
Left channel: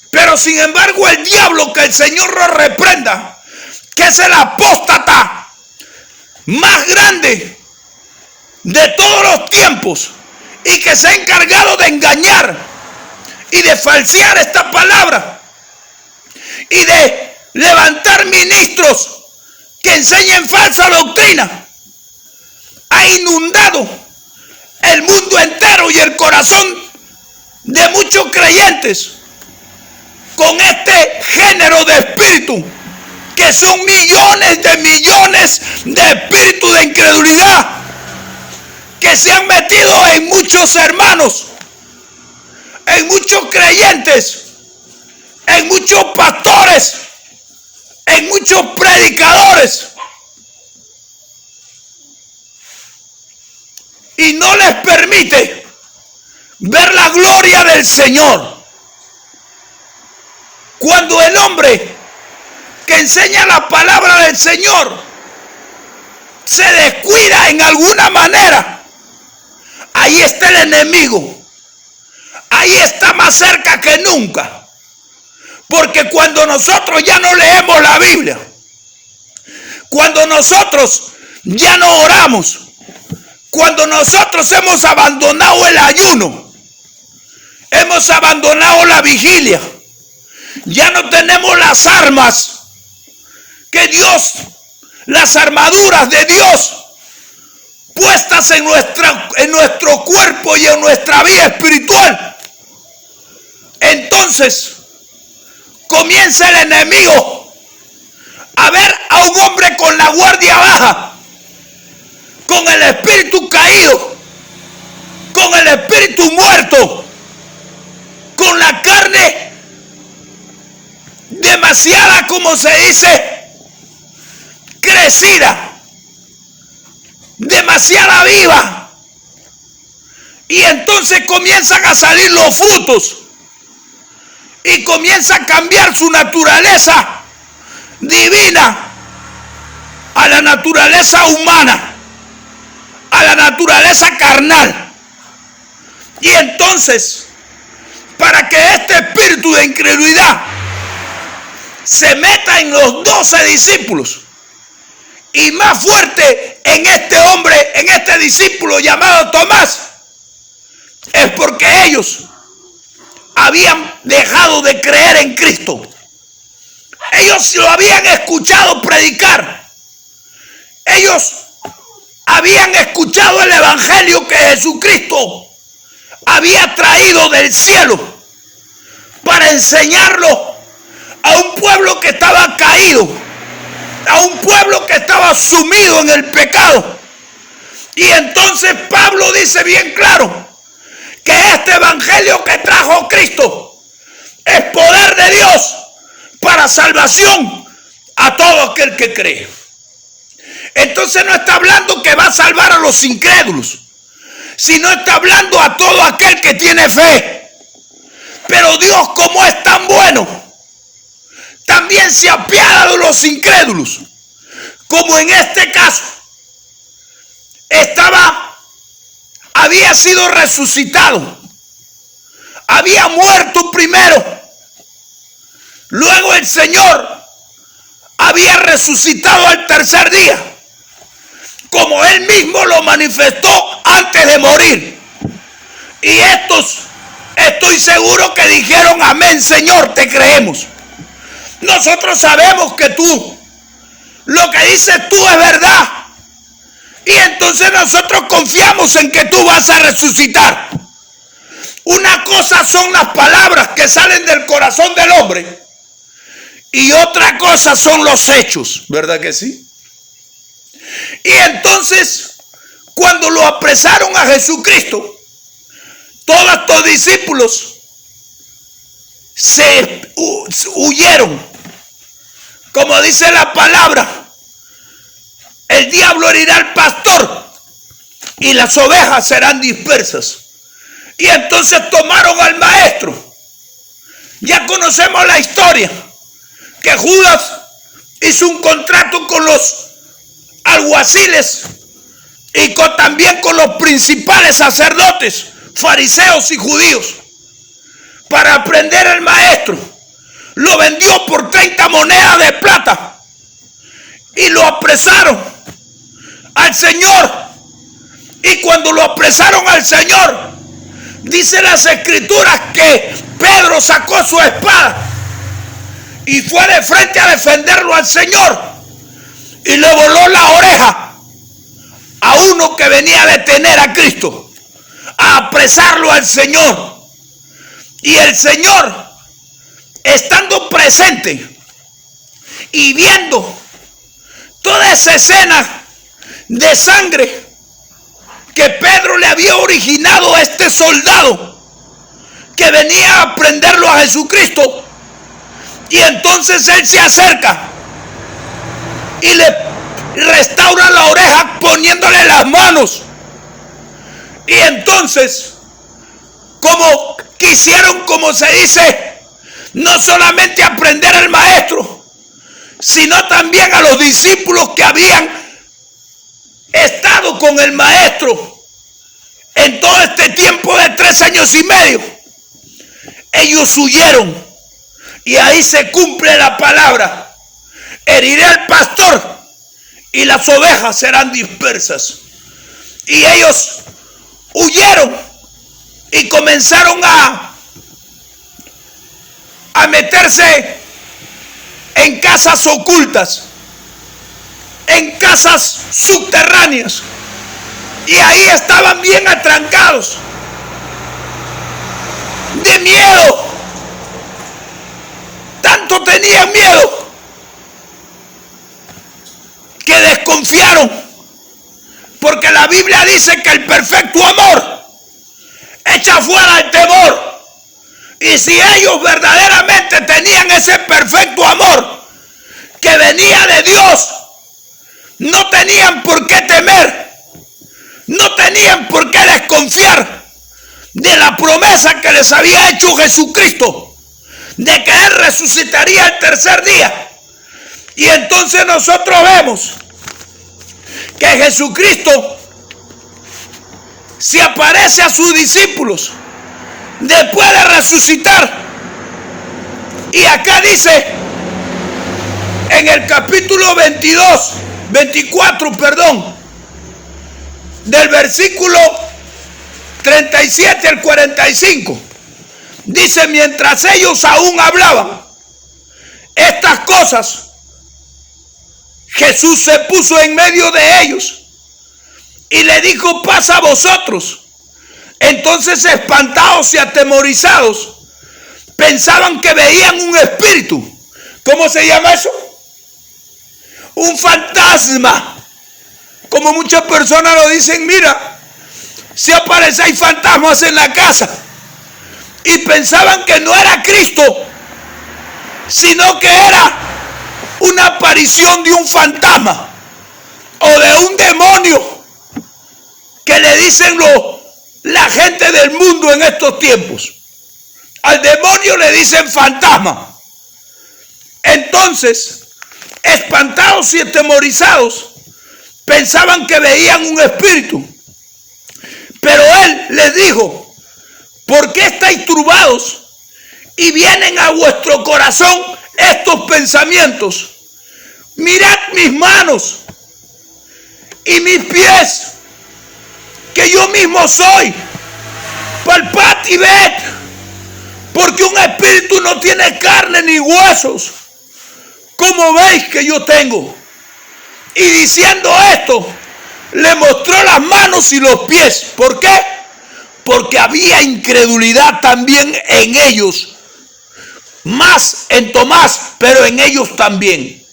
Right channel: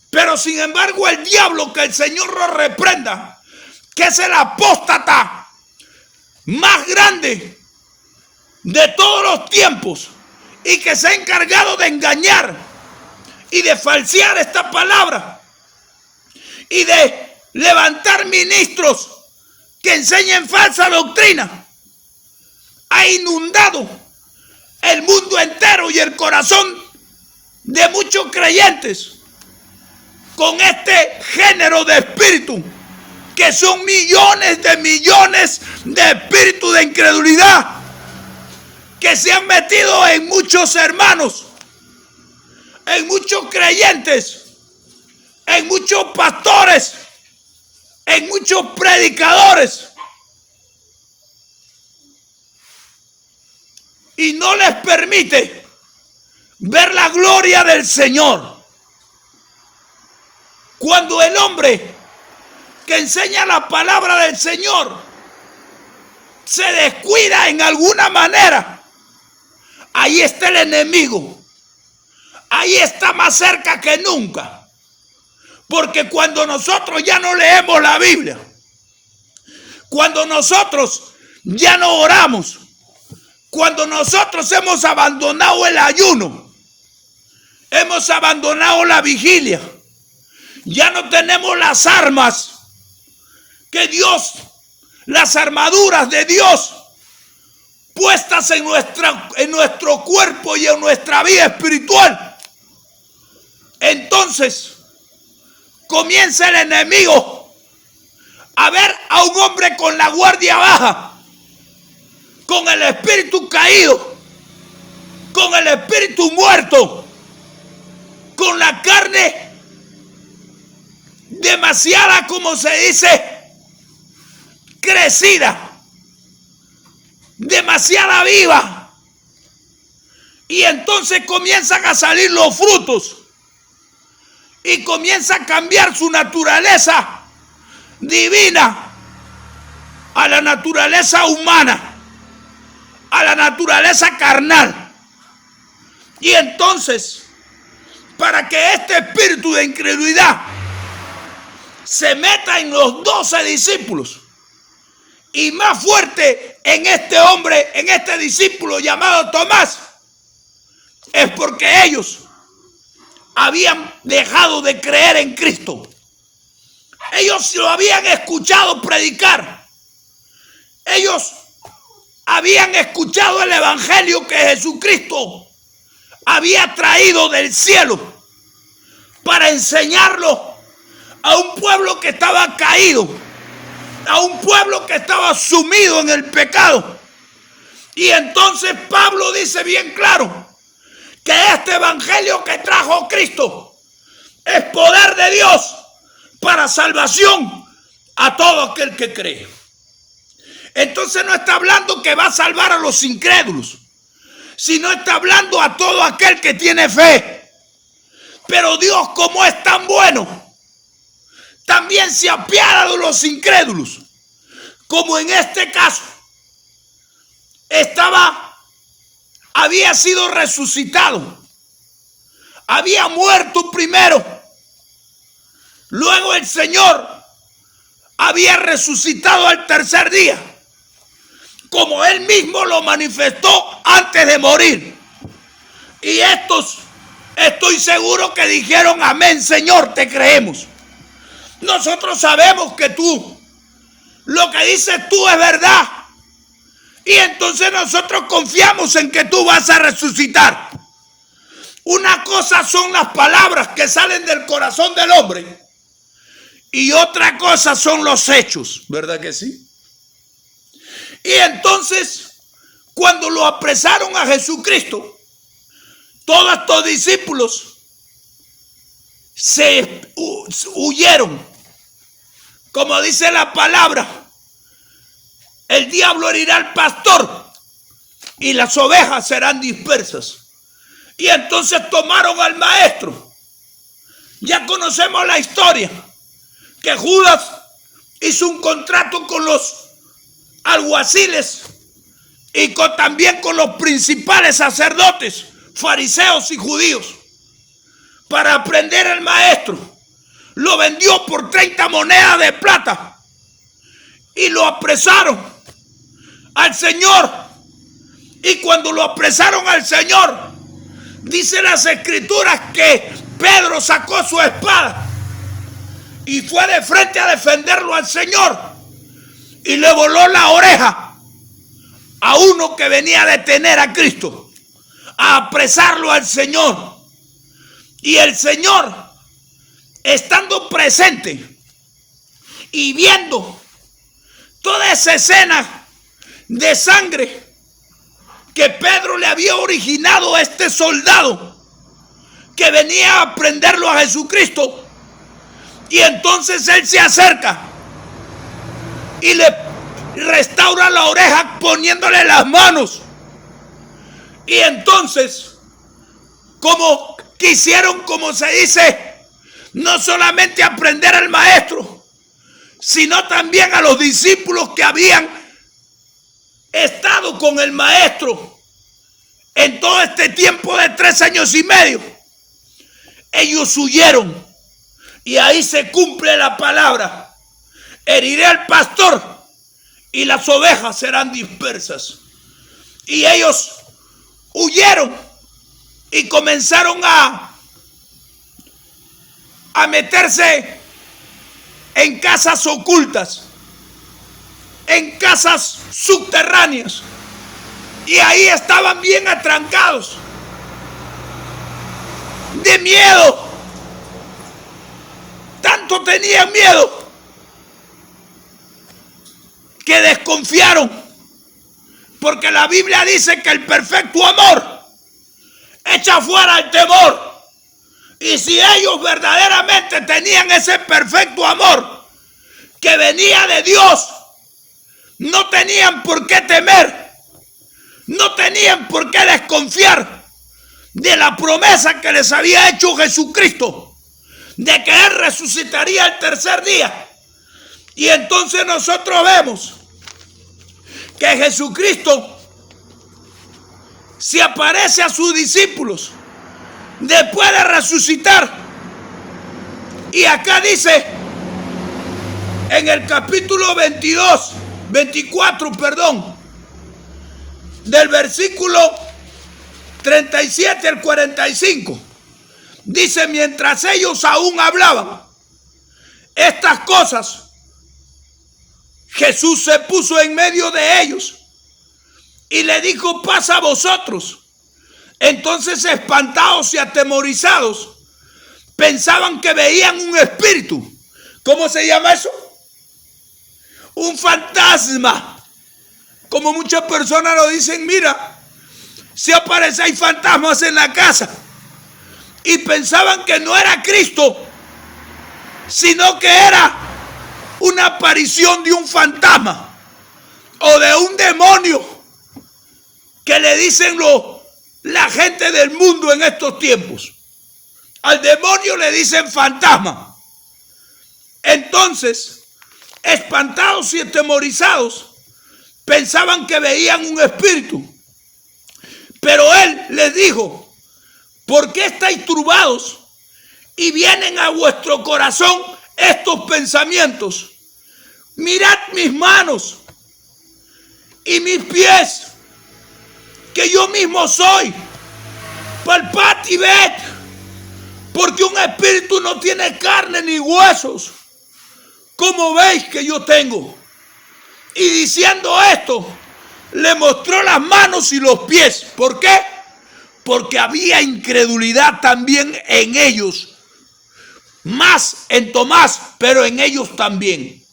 Pero sin embargo el diablo, que el Señor lo reprenda, que es el apóstata más grande de todos los tiempos y que se ha encargado de engañar y de falsear esta palabra y de levantar ministros que enseñen falsa doctrina, ha inundado el mundo entero y el corazón de muchos creyentes con este género de espíritu, que son millones de espíritus de incredulidad que se han metido en muchos hermanos, en muchos creyentes, en muchos pastores, en muchos predicadores, y no les permite ver la gloria del Señor. Cuando el hombre que enseña la palabra del Señor se descuida en alguna manera, ahí está el enemigo. Ahí está más cerca que nunca. Porque cuando nosotros ya no leemos la Biblia, cuando nosotros ya no oramos, cuando nosotros hemos abandonado el ayuno, hemos abandonado la vigilia, ya no tenemos las armas que Dios, las armaduras de Dios puestas en nuestro cuerpo y en nuestra vida espiritual, entonces comienza el enemigo a ver a un hombre con la guardia baja, con el espíritu caído, con el espíritu muerto, con la carne demasiada, como se dice, crecida, demasiada viva, y entonces comienzan a salir los frutos y comienza a cambiar su naturaleza divina a la naturaleza humana, a la naturaleza carnal. Y entonces, para que este espíritu de incredulidad se meta en los 12 discípulos, y más fuerte en este hombre, en este discípulo llamado Tomás, es porque ellos habían dejado de creer en Cristo. Ellos lo habían escuchado predicar. Ellos habían escuchado el evangelio que Jesucristo había traído del cielo para enseñarlo a un pueblo que estaba caído, a un pueblo que estaba sumido en el pecado. Y entonces Pablo dice bien claro que este evangelio que trajo Cristo es poder de Dios para salvación a todo aquel que cree. Entonces no está hablando que va a salvar a los incrédulos, sino está hablando a todo aquel que tiene fe. Pero Dios, como es tan bueno, también se apiada de los incrédulos, como en este caso había sido resucitado, había muerto primero, luego el Señor había resucitado al tercer día, como Él mismo lo manifestó antes de morir. Y estos, estoy seguro que dijeron: amén, Señor, te creemos. Nosotros sabemos que tú, lo que dices tú es verdad. Y entonces nosotros confiamos en que tú vas a resucitar. Una cosa son las palabras que salen del corazón del hombre, y otra cosa son los hechos, ¿verdad que sí? Y entonces, cuando lo apresaron a Jesucristo, todos estos discípulos se huyeron. Como dice la palabra, el diablo herirá al pastor y las ovejas serán dispersas. Y entonces tomaron al maestro. Ya conocemos la historia, que Judas hizo un contrato con los alguaciles y también con los principales sacerdotes, fariseos y judíos, para prender al maestro. Lo vendió por 30 monedas de plata y lo apresaron al Señor. Y cuando lo apresaron al Señor, dice las escrituras que Pedro sacó su espada y fue de frente a defenderlo al Señor, y le voló la oreja a uno que venía a detener a Cristo, a apresarlo al Señor. Y el Señor, estando presente y viendo toda esa escena de sangre que Pedro le había originado a este soldado que venía a prenderlo a Jesucristo, y entonces él se acerca y le restaura la oreja poniéndole las manos. Y entonces, como quisieron, como se dice, no solamente aprender al maestro, sino también a los discípulos que habían estado con el maestro en todo este tiempo de 3 años y medio, ellos huyeron. Y ahí se cumple la palabra: heriré al pastor y las ovejas serán dispersas. Y ellos huyeron y comenzaron a meterse en casas ocultas, en casas subterráneas, y ahí estaban bien atrancados, de miedo. Tanto tenían miedo que desconfiaron, porque la Biblia dice que el perfecto amor echa fuera el temor. Y si ellos verdaderamente tenían ese perfecto amor que venía de Dios, no tenían por qué temer, no tenían por qué desconfiar de la promesa que les había hecho Jesucristo, de que Él resucitaría el tercer día. Y entonces nosotros vemos que Jesucristo se aparece a sus discípulos después de resucitar. Y acá dice, en el capítulo 24, del versículo 37 al 45, dice: mientras ellos aún hablaban estas cosas, Jesús se puso en medio de ellos y le dijo: paz a vosotros. Entonces, espantados y atemorizados, pensaban que veían un espíritu. ¿Cómo se llama eso? Un fantasma. Como muchas personas lo dicen: mira, si aparece, hay fantasmas en la casa. Y pensaban que no era Cristo, sino que era una aparición de un fantasma o de un demonio, que le dicen la gente del mundo en estos tiempos. Al demonio le dicen fantasma. Entonces, espantados y atemorizados, pensaban que veían un espíritu. Pero él les dijo: ¿por qué estáis turbados y vienen a vuestro corazón estos pensamientos? Mirad mis manos y mis pies, que yo mismo soy. Palpad y ved, porque un espíritu no tiene carne ni huesos, como veis que yo tengo. Y diciendo esto, le mostró las manos y los pies. ¿Por qué? Porque había incredulidad también en ellos, más en Tomás, pero en ellos también.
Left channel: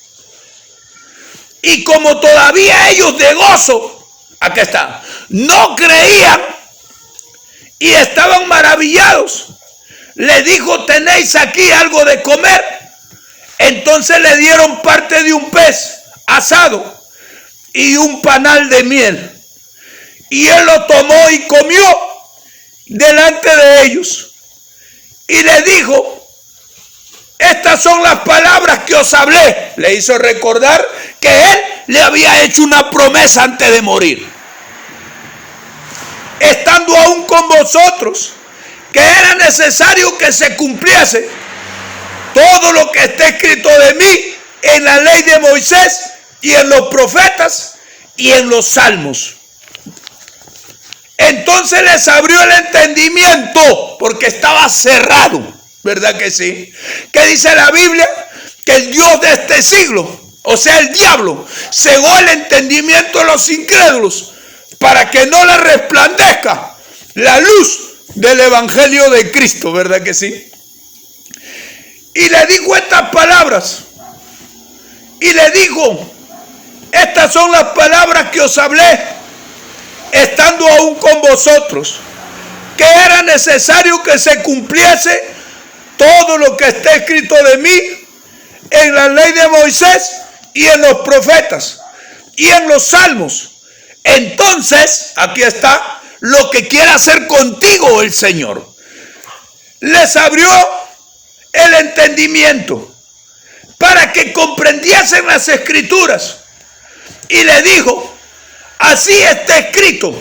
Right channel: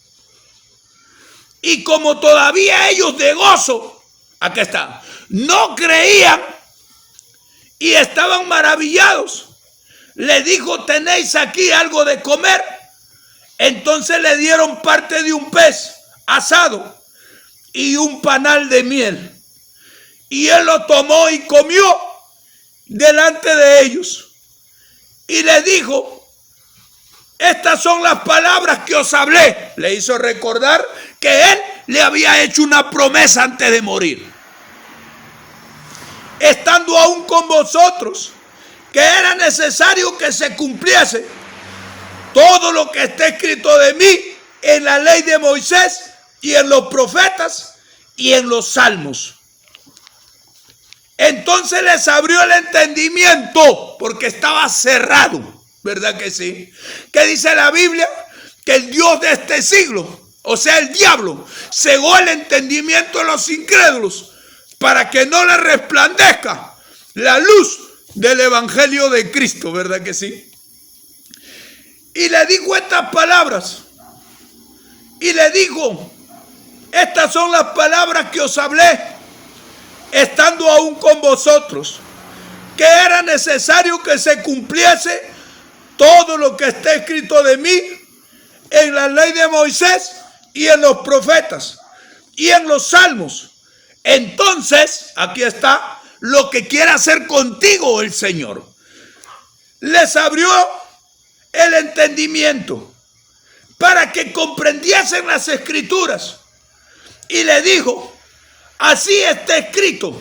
Y como todavía ellos de gozo, aquí está, no creían y estaban maravillados, le dijo: ¿tenéis aquí algo de comer? Entonces le dieron parte de un pez asado y un panal de miel. Y él lo tomó y comió delante de ellos. Y le dijo: estas son las palabras que os hablé. Le hizo recordar que él le había hecho una promesa antes de morir. Estando aún con vosotros, que era necesario que se cumpliese todo lo que está escrito de mí en la ley de Moisés y en los profetas y en los salmos. Entonces les abrió el entendimiento, porque estaba cerrado, ¿verdad que sí? ¿Qué dice la Biblia? Que el Dios de este siglo, o sea, el diablo, cegó el entendimiento de los incrédulos para que no les resplandezca la luz del evangelio de Cristo, ¿verdad que sí? Y le dijo estas palabras, y le dijo: estas son las palabras que os hablé estando aún con vosotros, que era necesario que se cumpliese todo lo que está escrito de mí en la ley de Moisés y en los profetas y en los salmos. Entonces, aquí está lo que quiere hacer contigo el Señor. Les abrió el entendimiento para que comprendiesen las escrituras, y le dijo: así está escrito,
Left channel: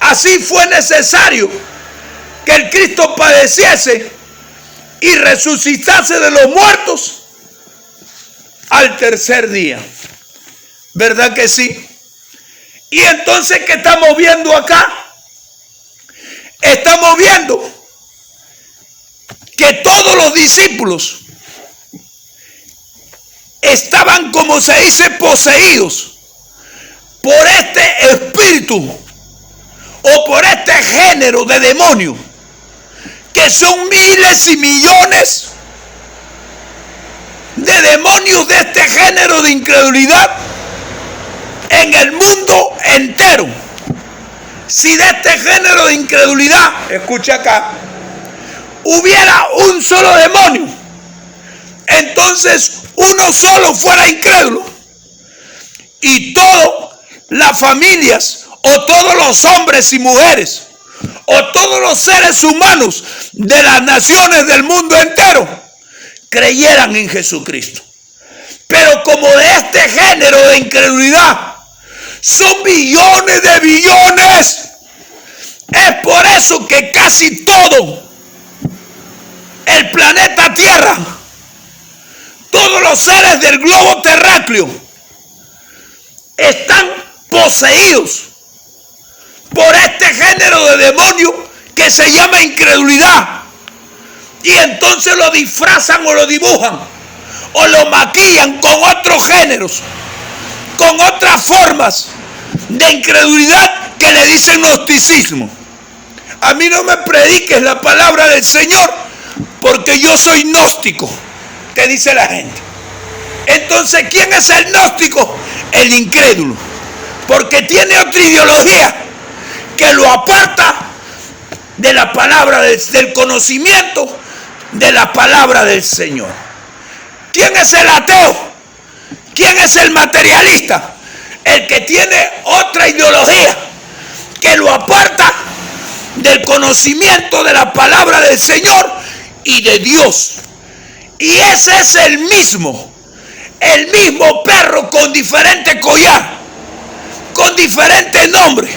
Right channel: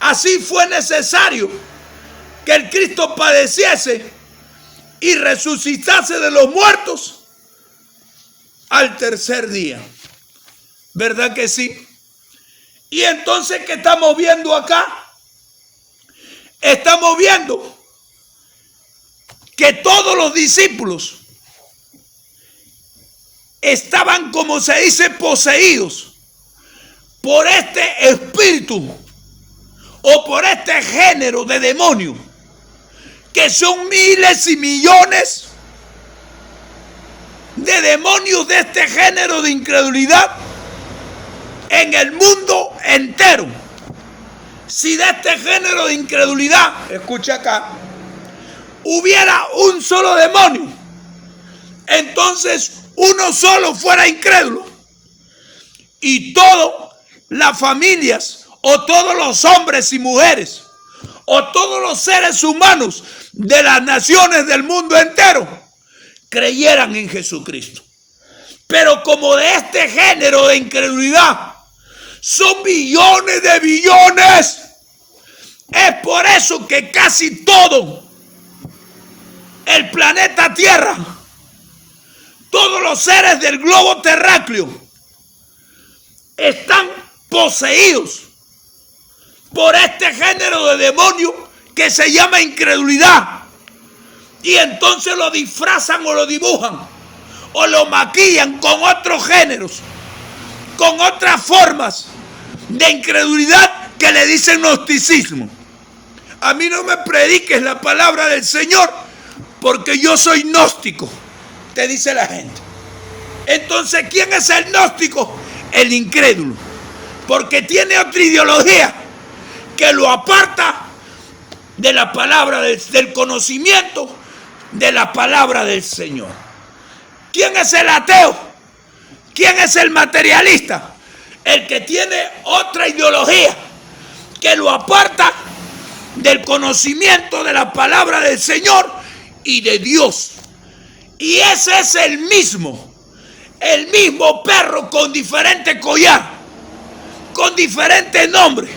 así fue necesario que el Cristo padeciese y resucitase de los muertos al tercer día. ¿Verdad que sí? Y entonces, ¿qué estamos viendo acá? Estamos viendo que todos los discípulos estaban, como se dice, poseídos por este espíritu o por este género de demonio, que son miles y millones de demonios de este género de incredulidad en el mundo entero. Si de este género de incredulidad, escucha acá, hubiera un solo demonio, entonces uno solo fuera incrédulo, y todas las familias, o todos los hombres y mujeres, o todos los seres humanos de las naciones del mundo entero creyeran en Jesucristo. Pero como de este género de incredulidad son billones de billones. Es por eso que casi todo el planeta Tierra, todos los seres del globo terráqueo, están poseídos por este género de demonio que se llama incredulidad. Y entonces lo disfrazan o lo dibujan o lo maquillan con otros géneros, con otras formas de incredulidad que le dicen gnosticismo. A mí no me prediques la palabra del Señor porque yo soy gnóstico, te dice la gente. Entonces, ¿quién es el gnóstico? El incrédulo, porque tiene otra ideología que lo aparta de la palabra del conocimiento de la palabra del Señor. ¿Quién es el ateo? ¿Quién es el materialista? El que tiene otra ideología que lo aparta del conocimiento de la palabra del Señor y de Dios. Y ese es el mismo perro con diferente collar, con diferente nombre.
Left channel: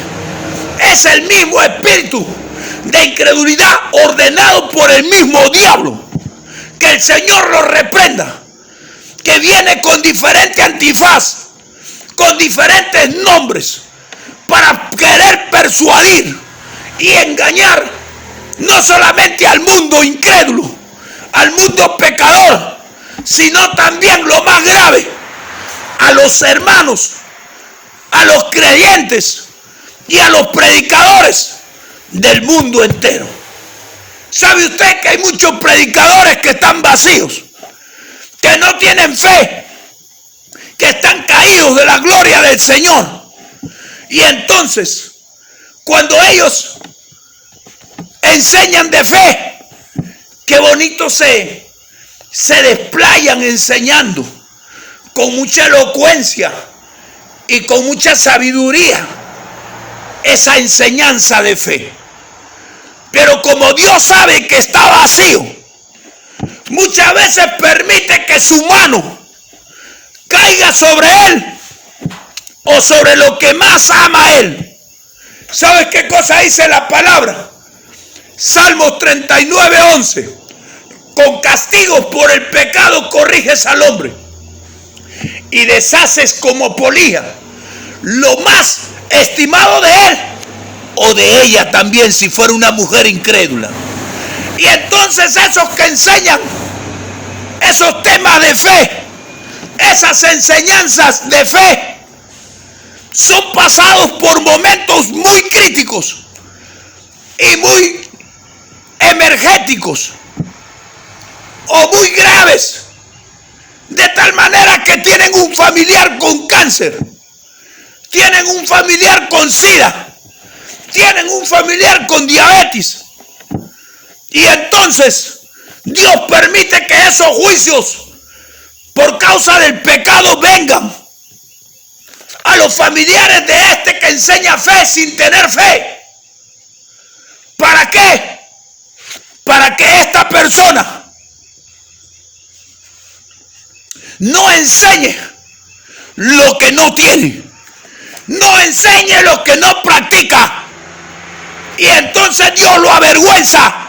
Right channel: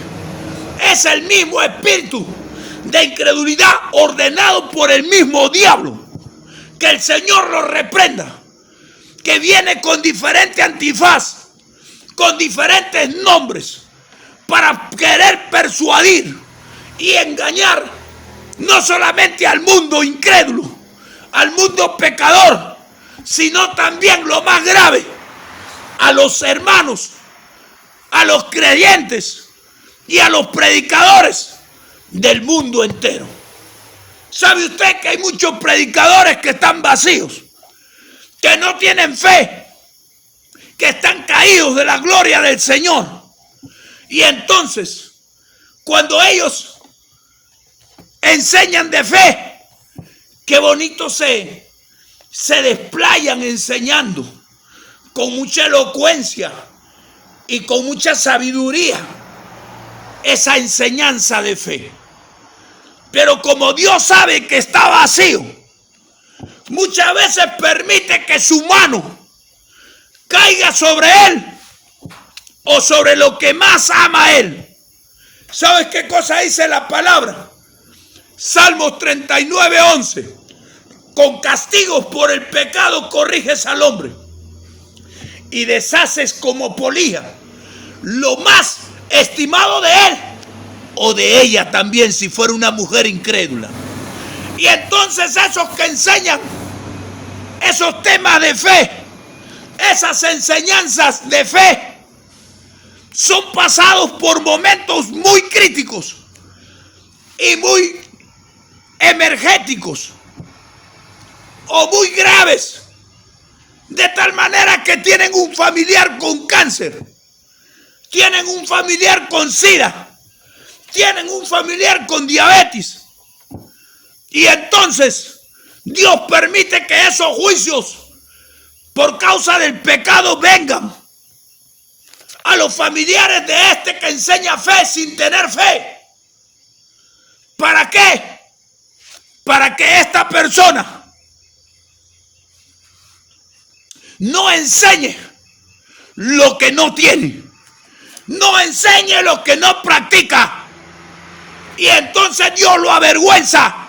Es el mismo espíritu de incredulidad ordenado por el mismo diablo. Que el Señor lo reprenda. Que viene con diferente antifaz, con diferentes nombres, para querer persuadir y engañar no solamente al mundo incrédulo, al mundo pecador, sino también, lo más grave, a los hermanos, a los creyentes y a los predicadores del mundo entero. ¿Sabe usted que hay muchos predicadores que están vacíos, que no tienen fe, que están caídos de la gloria del Señor? Y entonces, cuando ellos enseñan de fe, qué bonito se desplayan enseñando con mucha elocuencia y con mucha sabiduría esa enseñanza de fe. Pero como Dios sabe que está vacío, muchas veces permite que su mano caiga sobre él o sobre lo que más ama a él. ¿Sabes qué cosa dice la palabra? Salmos 39:11. Con castigos por el pecado corriges al hombre y deshaces como polilla lo más estimado de él o de ella también, si fuera una mujer incrédula. Y entonces esos que enseñan esos temas de fe, esas enseñanzas de fe, son pasados por momentos muy críticos y muy energéticos o muy graves, de tal manera que tienen un familiar con cáncer, tienen un familiar con SIDA, tienen un familiar con diabetes, y entonces Dios permite que esos juicios por causa del pecado vengan a los familiares de este que enseña fe sin tener fe. ¿Para qué? Para que esta persona no enseñe lo que no tiene, no enseñe lo que no practica, y entonces Dios lo avergüenza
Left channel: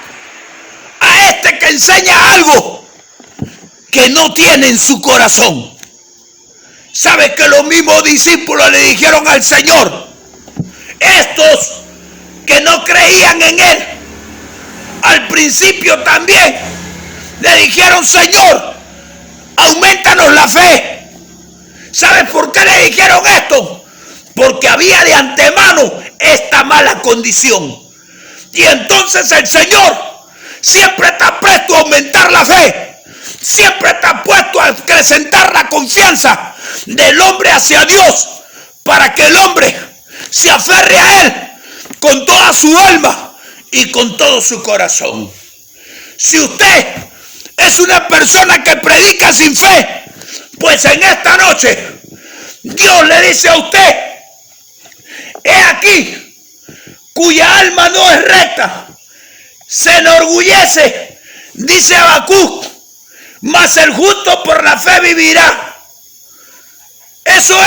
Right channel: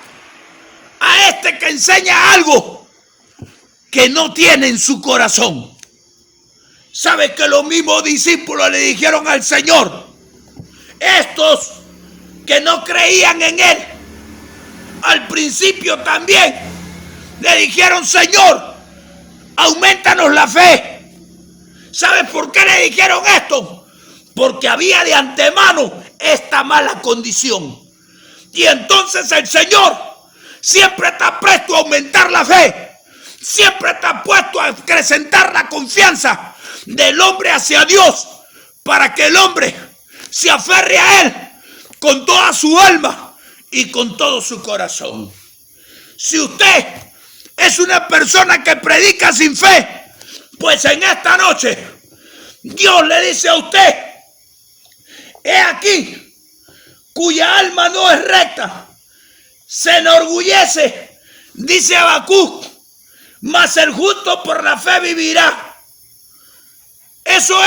a este que enseña algo que no tiene en su corazón. ¿Sabe que los mismos discípulos le dijeron al Señor? Estos que no creían en Él, al principio también le dijeron: Señor, aumentanos la fe. ¿Sabes por qué le dijeron esto? Porque había de antemano esta mala condición. Y entonces el Señor siempre está presto a aumentar la fe, siempre está puesto a acrecentar la confianza del hombre hacia Dios, para que el hombre se aferre a Él con toda su alma y con todo su corazón. Si usted es una persona que predica sin fe, pues en esta noche Dios le dice a usted: he aquí, cuya alma no es recta, se enorgullece, dice Habacuc, mas el justo por la fe vivirá. Eso es.